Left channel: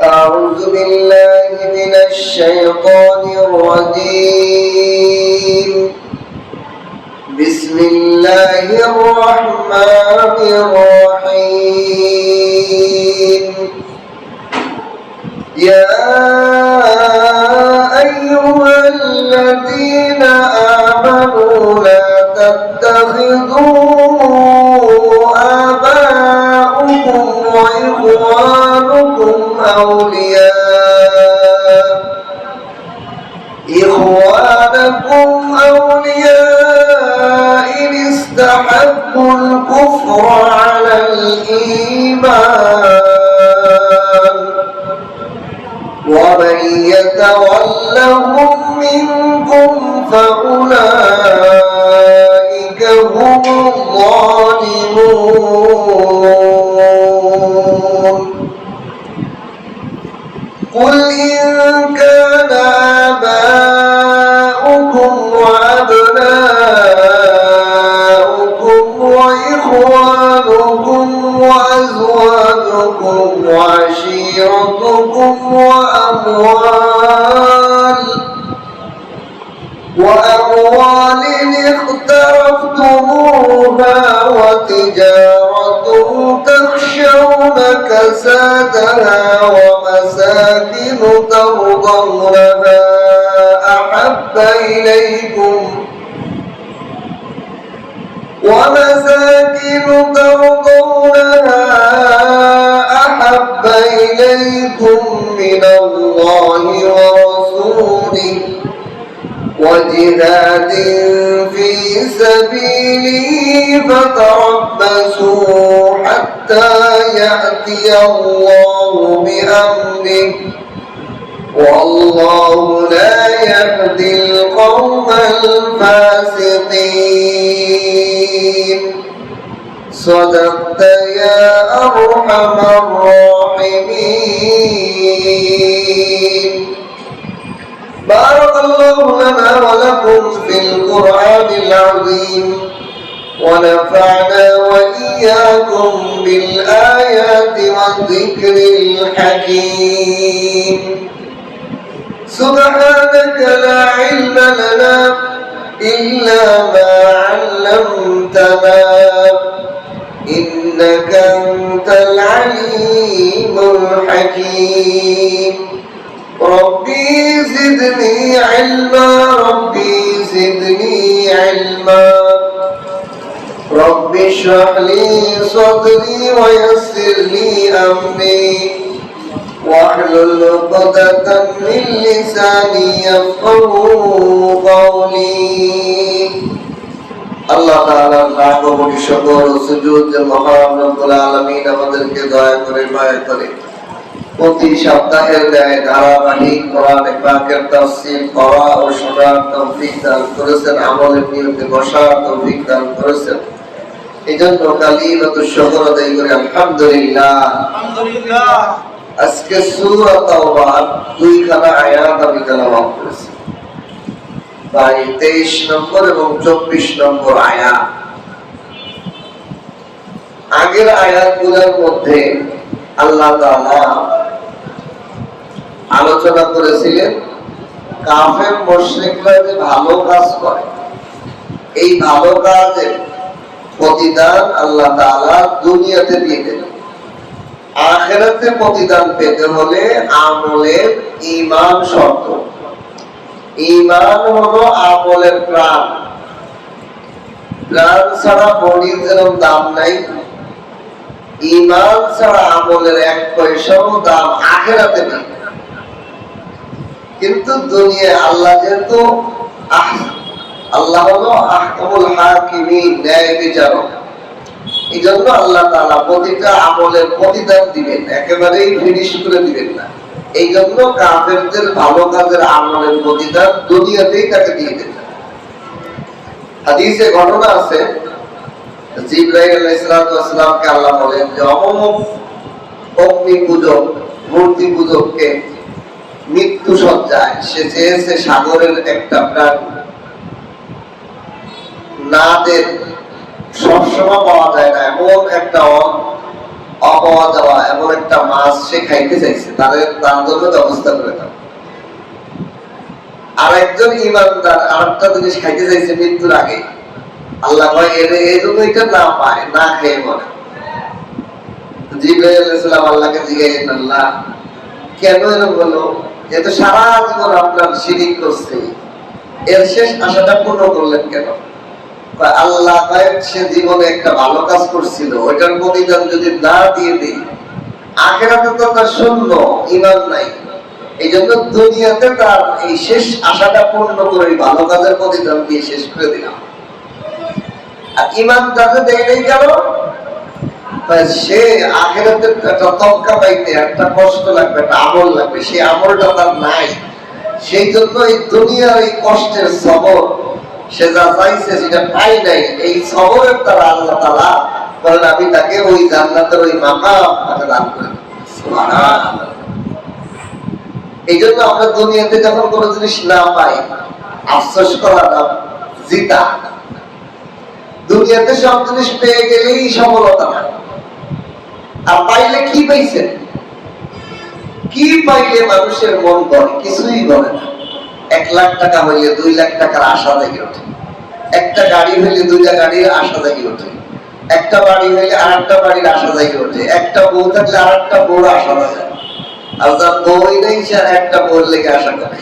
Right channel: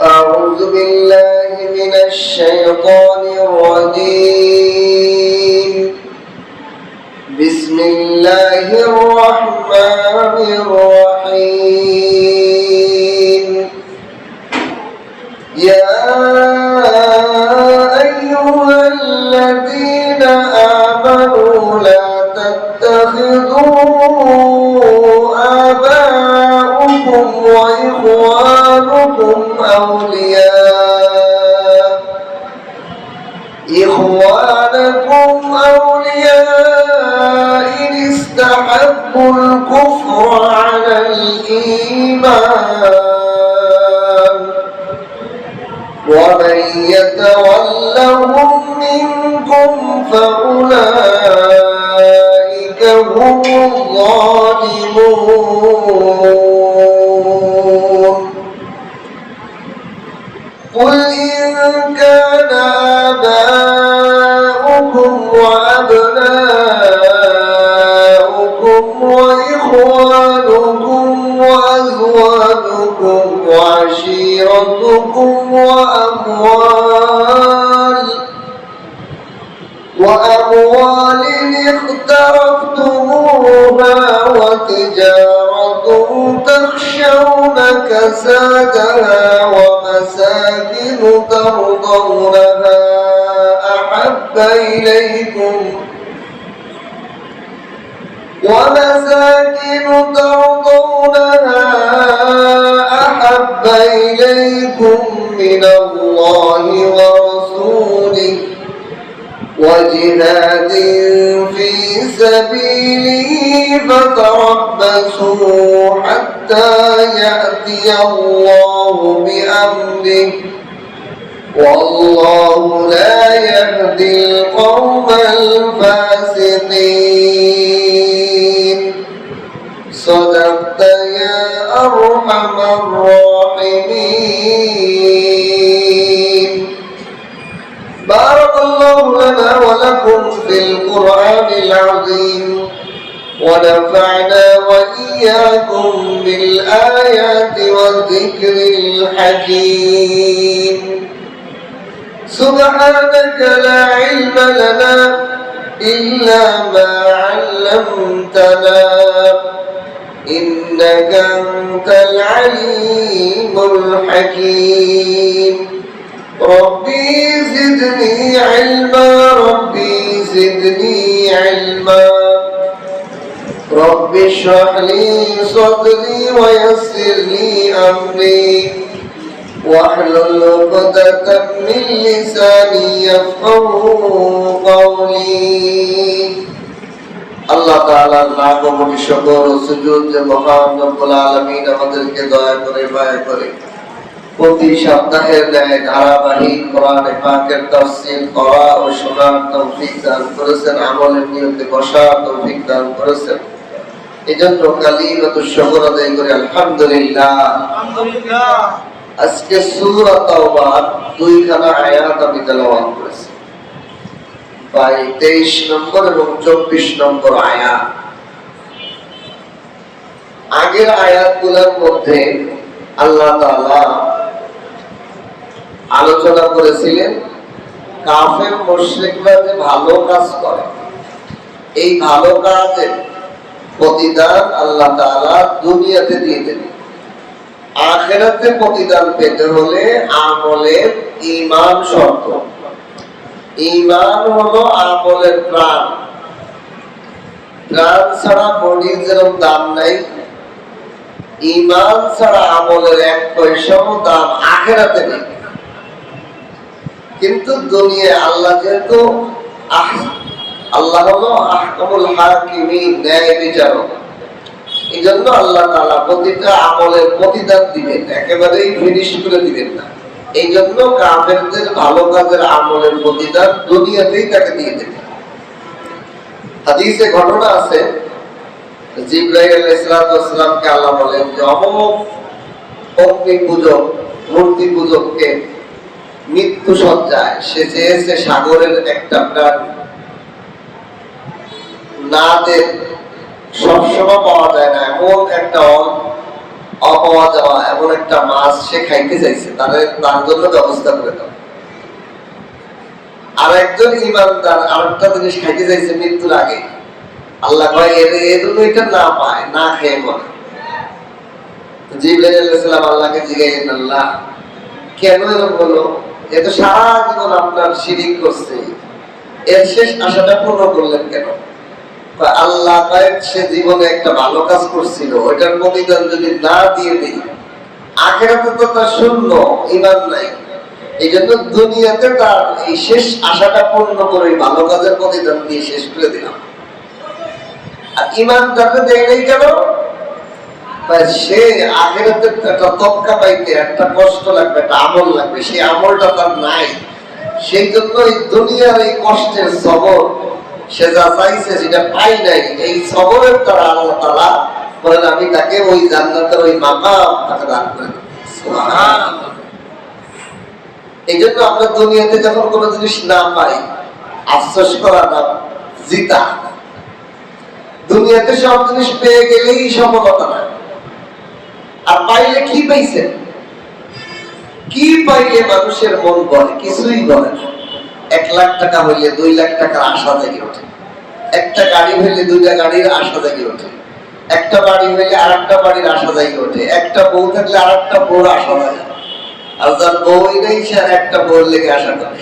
أعوذ بالله من الشيطان الرجيم. بسم الله الرحمن الرحيم. يا أيها الذين آمنوا لا تتخذوا آباءكم وإخوانكم أولياء إن استحبوا الكفر على الإيمان ومن يتولهم منكم فأولئك هم الظالمون. قل إن كان آباؤكم وأبناؤكم وإخوانكم وأزواجكم وعشيرتكم وأموال اقترفتموها وتجارة تخشون كسادها ومساكن ترضونها أحب إليكم من الله ورسوله وجهاد في سبيله فتربصوا حتى يأتي الله بأمره والله لا يهدي القوم الفاسقين. صدقت يا أرحم الراحمين. بارك الله لنا ولكم في القرآن العظيم ونفعنا وإياكم بالآيات والذكر الحكيم. سبحانك لا علم لنا إلا ما علمتنا إنك أنت العليم الحكيم. ربي زدني علما رب اشرح لي صدري ويسر لي أمري واحلل عقدة من لساني يفقهوا قولي. আল্লাহ তাআলার নাম ও শুকর ও সুজুদ যে মহান রব্বুল আলামিন আমাদেরকে দয়া করে মায়া করে প্রতি সপ্তাহের ন্যায় ধারাবাহিক কোরআনে পাকের তাফসীর পড়া ও শোনার তৌফিক দান করেছেন, আমলের নিয়তে বসার তৌফিক দান করেছেন। এজন্য কালিমাতুশ শুকর আদায় করে আলহামদুলিল্লাহ। আজকে সূরা তাওবার দুইখানা আয়াত আমি তেলাওয়াত করেছি, 23 নম্বর এবং 24 নম্বর আয়াত। আগের আয়াতগুলোর মধ্যে আল্লাহ তাআলা আলোচনা করেছিলেন কাফের মুশরিকরা যে ভালো কাজ করে, এই ভালো কাজের প্রতিদান আল্লাহ তাআলা দুনিয়াতে দিয়ে দেন। আখিরাতে প্রতিদান পেতে হলে আমলের ঈমান শর্ত। ঈমান হলো আমলের প্রাণ। প্রাণ ছাড়া বডির যেরকম দাম নাই, ঈমান ছাড়া আমলের এক পয়সাও দাম আখিরাতে নেই। কিন্তু দুনিয়ায় আল্লাহ যেহেতু আল্লাহ হলো আহকামুল হাকিমিন, ন্যায় বিচারক, এই জন্য আল্লাহ তাআলা প্রতিটা আমলের প্রতিদান দিবেন, একেবারেই ফিনিশ করে দিবেন না। এই জন্য কাফেরদের ভালো কাজের আমলের প্রতিদান দুনিয়াতেই তাকে দিয়ে দেন। হাদিসে ঘটনা আছে, জিবরাইল আলাইহিস সালামকে আল্লাহ বলেন যে অমুক অগ্নি পূজক, মূর্তি পূজককে মৃত্যু সজ্জায় সে চেয়েছে সাগরের একটা প্রাণ না দেন, সবসময় পাওয়া যায় না, এমন একটা অপাওয়া যাওয়া এমন একটা মাছ সে খাইতে চাইছে, তার জন্য ব্যবস্থা করে দাও। আর একজন ইমানদার আর একটা জিনিস খাইতে চাইছে মৃত্যুর আগে, আল্লাহ কয় এই জন্য এটা না পায়, না খেয়ে মনে। জিবরাইল আলাইহিস সালাম আল্লাহকে জিজ্ঞাসা করলেন, আল্লাহ কেন এরকম হলো? এত সারা জীবন আপনার শিরিক করছে, এর শেষ আশাটা পূর্ণ করলেন কেন? আল্লাহ সে জীবনে একটা ভালো কাজ করছিল, ওইটার প্রতিদান যদি না দিয়ে দিই, আখিরাতে তো তার শূন্য, ঈমান নাই। এই জন্য দুনিয়াতে তার এই শেষ আশাটা পূর্ণ করে ভালো কাজের প্রতিদান দিয়ে শেষ করে দিলাম। আর ঈমানদারকে দেয় নাই কেন? সে আখিরাতে একটা তক্কা পাইতে একটা কষ্ট লাগবে, একটা আমল লাগবে, সেই আমলটা তার নাই। সেই জন্য এই দুনিয়ার এই কষ্টের সবর সে যা চাইছে সেটা পাই নাই, এই সবরের দ্বারা আল্লাহ তাআলা বলেন আমি তাকে ওই জান্নাতের ওই মাকাম তাকে দান করে দেব। সুবহানাল্লাহ। এই জন্য আমরা দুনিয়াতে যখন কোনো জিনিস না পাই আফসোস করা না, জিতা। দুনিয়াতে সব জিনিস পেয়ে গেলেই সফলতা না। আর পাইলে কি পাইছেন? কি পাইলে মানুষের মন বলে? কিছুই বলে না। 1 লাখ টাকা হইলে 2 লাখ টাকার আশা জেগে ওঠে, একটা গাড়ি হইলে 2টা গাড়ির আশা জেগে ওঠে, একটা বাড়ি হইলে আরেকটা বাড়ির আশা জেগে ওঠে, একটা বউ থাকলে আরেকটা বউর আশা জাগে। আর যার বউই নেই সে একটা বউর লেগে আশা করে।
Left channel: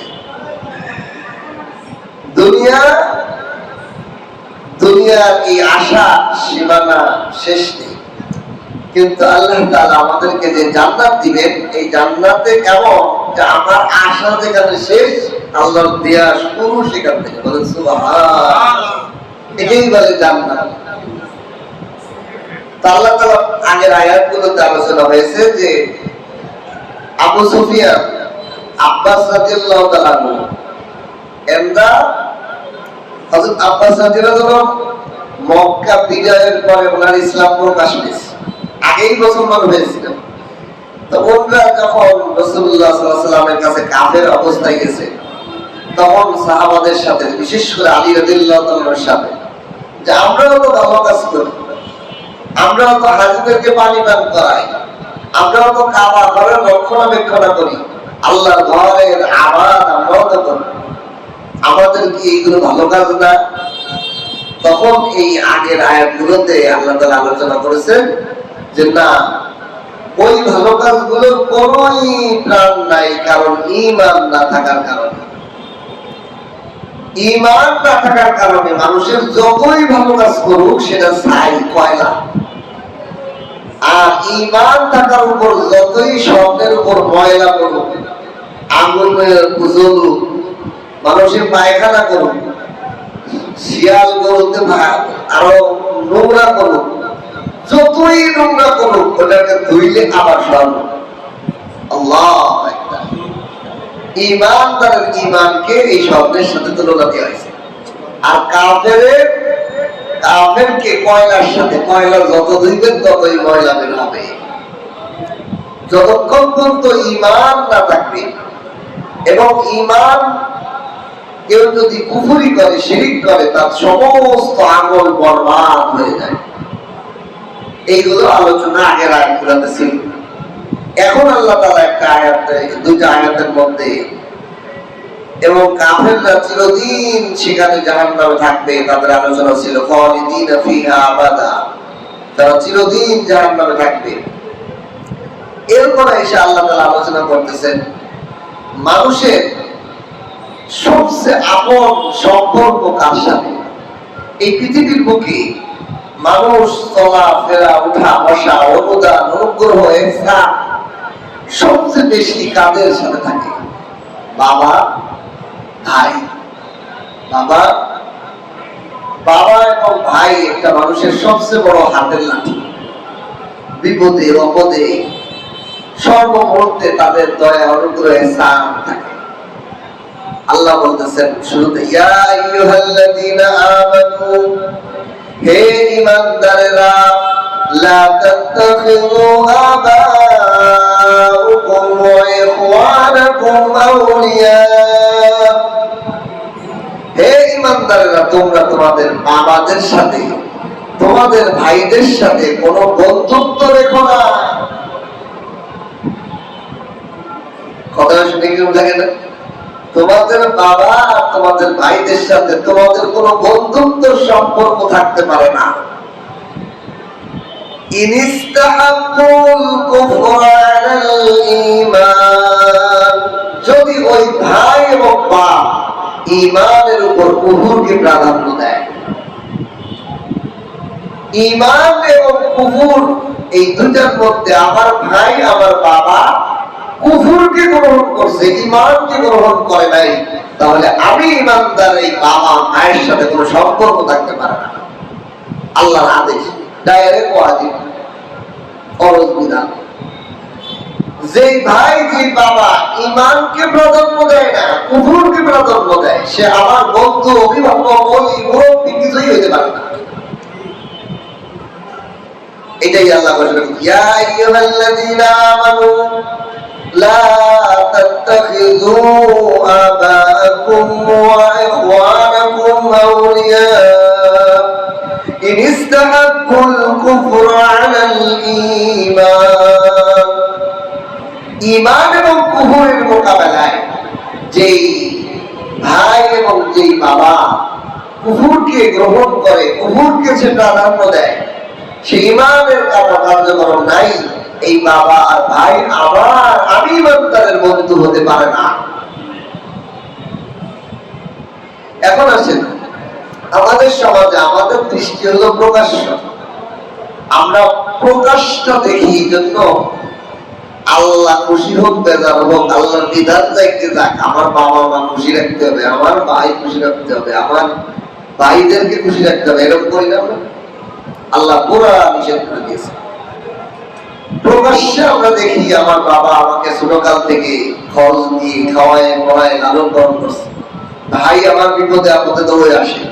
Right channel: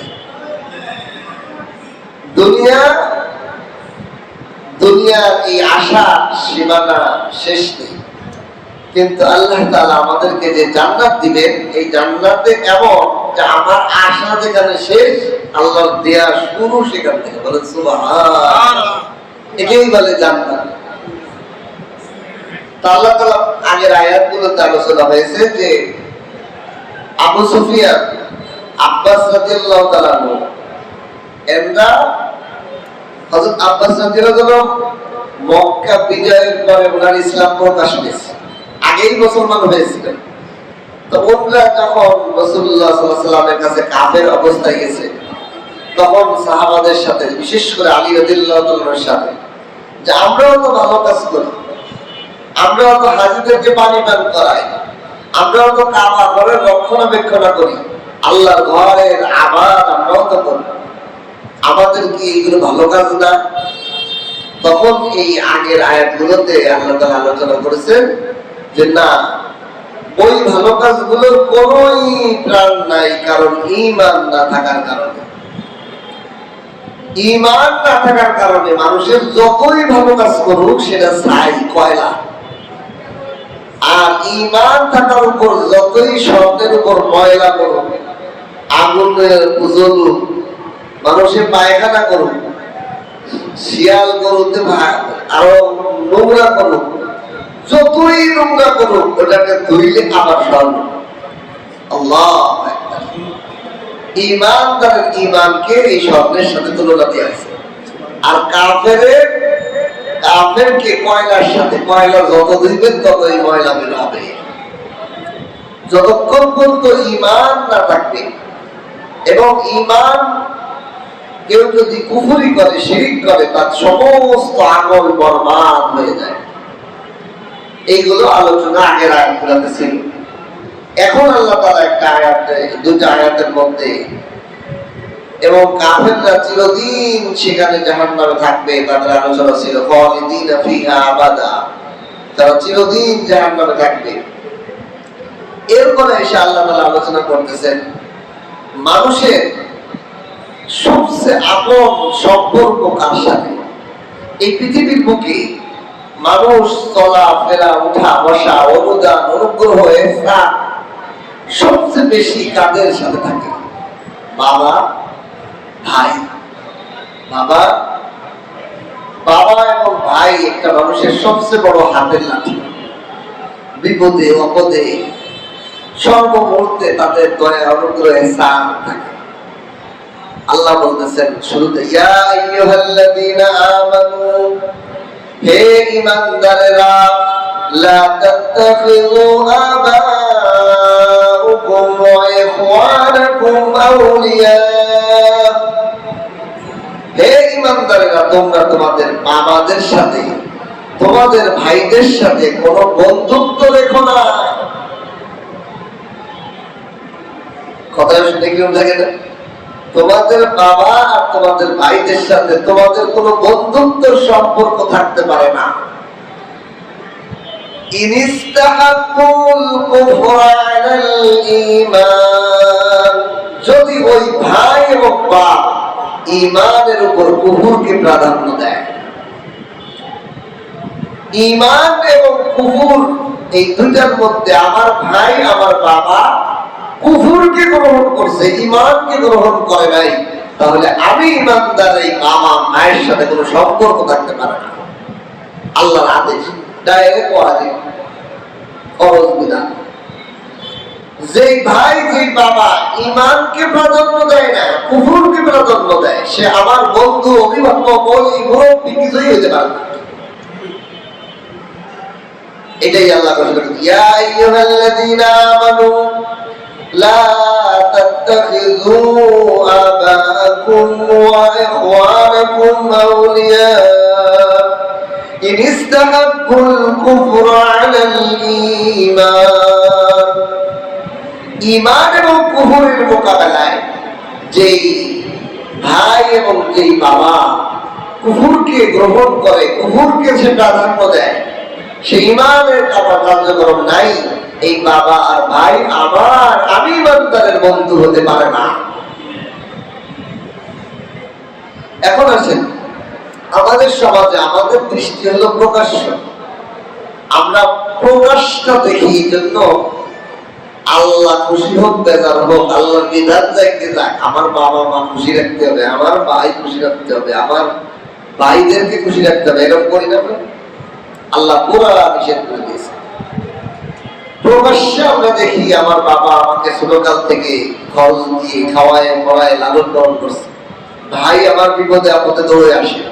দুনিয়ার এই আশা সীমানা শেষ নেই। কিন্তু আল্লাহ তাআলা আমাদেরকে যে জান্নাত দিবেন, এই জান্নাতে এমন যে আমার আশা যেখানে শেষ, আল্লাহর দেয়া শুরু সেখান থেকে। বলেন সুবহানাল্লাহ। এটাই বলে জান্নাত। তা আল্লাহ তাআলা আগের আয়াতগুলোতে আলোচনা হয়েছে যে আবু সুফিয়ান, আব্বাস রাদিয়াল্লাহু তাআলা আনহু, এরা হযরত আব্বাস রাদিয়াল্লাহু তাআলা মক্কা বিজয়ের পরে ওনার ইসলাম প্রকাশ পেয়েছে, আগেই মুসলমান হয়েছিলেন। তো ওনারা যখন রাসূলুল্লাহ সাল্লাল্লাহু আলাইহি ওয়াসাল্লামের কাছে কাফের অবস্থায় গেছে, তখন সাহাবাদের সাথে, বিশেষ করে আলী রাদিয়াল্লাহু তাআলার সাথে, যে আমরাও তো ভালো কাজ করি, আমরাও তো হাজীদেরকে পানি পান করাই, আমরাও তো কাবা ঘরের রক্ষণাবেক্ষণ করি, আল্লাহর ঘরের আবাদ আমরাও তো করি, আমাদের কি এইগুলো ভালো কাজ না? তখন এই আগের আয়াতগুলোতে আল্লাহ তাআলা আলোচনা করেছেন যে না, ওই ভালো কাজগুলোর কোনোই প্রাণ নাই, কারণ ঈমান না থাকার কারণে। ঈমান না থাকার কারণে মানুষের যতই ভালো কাজ করুক সেটা ছাই, কয়লা। আর ঈমান থাকার উপর যতই স্বর্ণের উপর ময়লা করুক, আগুনের জ্বলুক, মানুষের পায়খানা করুক, শিয়াল গরুতে আরো নোংরা করুক, যতই নোংরা করুক, ওটাকে ধুইলে আবার স্বর্ণ। আল্লাহু আকবার। ঈমানদারের ঈমানকে এই স্বর্ণের সাথে তুলনা দেওয়া হয়েছে। আর কাফেরকে কয়লার সাথে, কয়লা যত ধুইবেন ততই ময়লা বের হবে। যতক্ষণ পর্যন্ত ঈমান না থাকবে, এবং ঈমান কেউ যদি কুফরি করে, শিরিক করে, তার সমস্ত আমল বরবাদ হয়ে যায়। এইগুলো আলোচনা আগের আয়াতগুলোতে ছিল। এখন আল্লাহ তাআলা একটা আয়াতে, দুইটা আয়াতের মধ্যে, এবং কাফেররা চিরদিন সেখানে জাহান্নামে থাকবে, তাদের আলোচনা ছিল খালিদিনা ফিহা আবাদা, তারা চিরদিন জাহান্নামে থাকবে। এরপরে এসে আল্লাহ তাআলা আলোচনা করতেছেন মানুষের সবচেয়ে আপন সম্পর্ক কার সাথে। এই পৃথিবীর বুকে মানুষ চলাফেরা, উঠা বসা, অনুদান, অনুগ্রহ, ইহসান সবচেয়ে বেশি কাদের সাথে থাকে? বাবা, ভাই। বাবা এবং ভাই একটা মানুষের সবচেয়ে বড় হাতের লাঠি। বিপদে আপদে সর্বমুহূর্তে তাদের দয়া, অনুগ্রহ, ইহসান থাকে। আল্লাহ বলতেছেন শুরুতে, ইয়া আইয়ুহাল্লাযীনা আমানু, হে ঈমানদারেরা, লা তাত্তাখিযু আবাউকুম ওয়া ইখওয়ানাকুম আউলিয়া। হে ঈমানদারেরা, তোমরা তোমাদের বাবাদের সাথে তোমাদের ভাইদের সাথে কোনো বন্ধুত্ব রেখো না। কথা শুনে কি বোঝা গেল? তোমাদের বাবা আর তোমাদের ভাইদের সাথে তোমাদের কোনো বন্ধুত্বের সম্পর্ক থাকতে পারে না। যদি ওই ভাই এবং বাপ ঈমানের উপর কুফরকে প্রাধান্য দেয়, ঈমান এবং কুফর এই দুটার মধ্যে আমার ভাই আমার বাবা কুফরকে গ্রহণ করছে, ঈমানকে গ্রহণ করে নাই, তাহলে আমি ঈমানদার এই বাবা ভাইয়ের সাথে কোনো সম্পর্ক থাকতে পারে না। আল্লাহর আদেশ, ডাইরেক্ট ওয়াজিব, ফরজ বিধান। যে ভাই যে বাবা ঈমানকে প্রাধান্য দেয় না, কুফরকে প্রাধান্য দেয়, সে আমার বন্ধু, অভিভাবক, ওলি, মুরব্বি কিছুই হইতে পারে না। এটাই আল্লাহ বলেন, ইয়া আইয়ুহাল্লাযীনা আমানু লা তাত্তাখিযু আবাআকুম ওয়া ইখওয়ানাকুম আউলিয়া ইন ইসতাহাব্বুল কুফরা আলাল ঈমান। ঈমান এবং কুফরের মোকাবেলায় যেই ভাই এবং যেই বাবা কুফরকে গ্রহণ করে, কুফরকে সে প্রাধান্য দেয়, সে ঈমানের কথা কার্যক্রম নাই, এই বাবা আর ভাই আবার আমি ঈমানদারের বন্ধু হতে পারে না। এখন আসেন, আমাদের সমাজে আমাদের দৃষ্টি হলো প্রকাশ্য, আমরা প্রকাশ্য দেখি, এই জন্য আল্লাহ খুশি হোক বেজার হোক, আল্লাহর বিধান যাইতে যাক, আমার বাবা মা খুশি রাখতে হবে, আমার ভাই খুশি রাখতে হবে, আমার ভাইদেরকে খুশি রাখতে হবে, এরকম করি না আমরা? আল্লাহ পুরা নিষেধ করে দিয়েছে। প্রকাশ্যে আমরা দেখি আমার বাবা আমাকে ছোটকাল থেকে খরচ দিয়ে খাওয়ায় পড়ায় লালন পালন করছে, ভাই আমার বিপদে আপদে দৌড়ে আসে,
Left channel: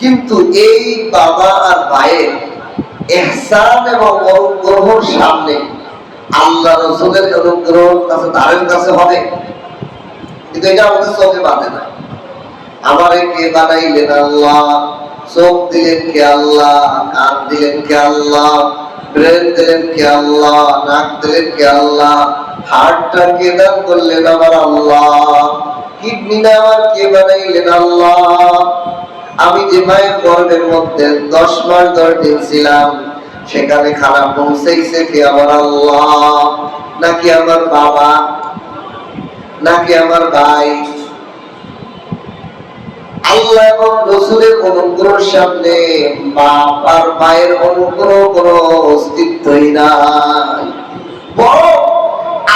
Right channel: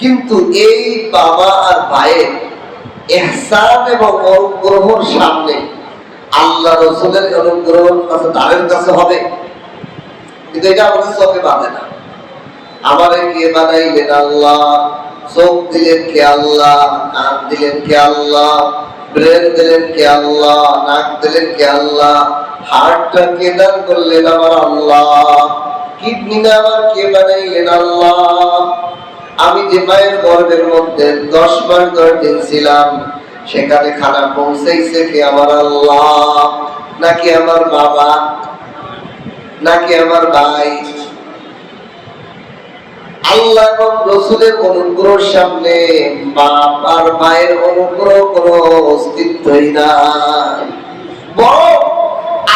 কিন্তু এই বাবা আর ভাইয়ের ইহসান এবং অনুগ্রহের সামনে আল্লাহ রাসূলের অনুগ্রহ কাছে তাদের কাছে হবে, কিন্তু এটা আমাদের চোখে বাঁধে না। আমারে কে বানাইলেন আল্লাহ, চোখ দিলেন কে আল্লাহ, কান দিলেন কে আল্লাহ, ব্রেন দিলেন কে আল্লাহ, নাক দিলেন কে আল্লাহ, হার্টটা কে দান করলেন আমার আল্লাহ, কিডনিটা আমার কে বানাইলেন আল্লাহ, আমি যে মায়ের গর্ভের মধ্যে 10 মাস 10 দিন ছিলাম, সেখানে খানা পৌঁছাইছে কে আমার আল্লাহ, নাকি আমার বাবা, নাকি আমার ভাই? আল্লাহ এবং রাসূলের অনুগ্রহের সামনে বাপ আর মায়ের অনুগ্রহ কোনো অস্তিত্বই নাই। বরং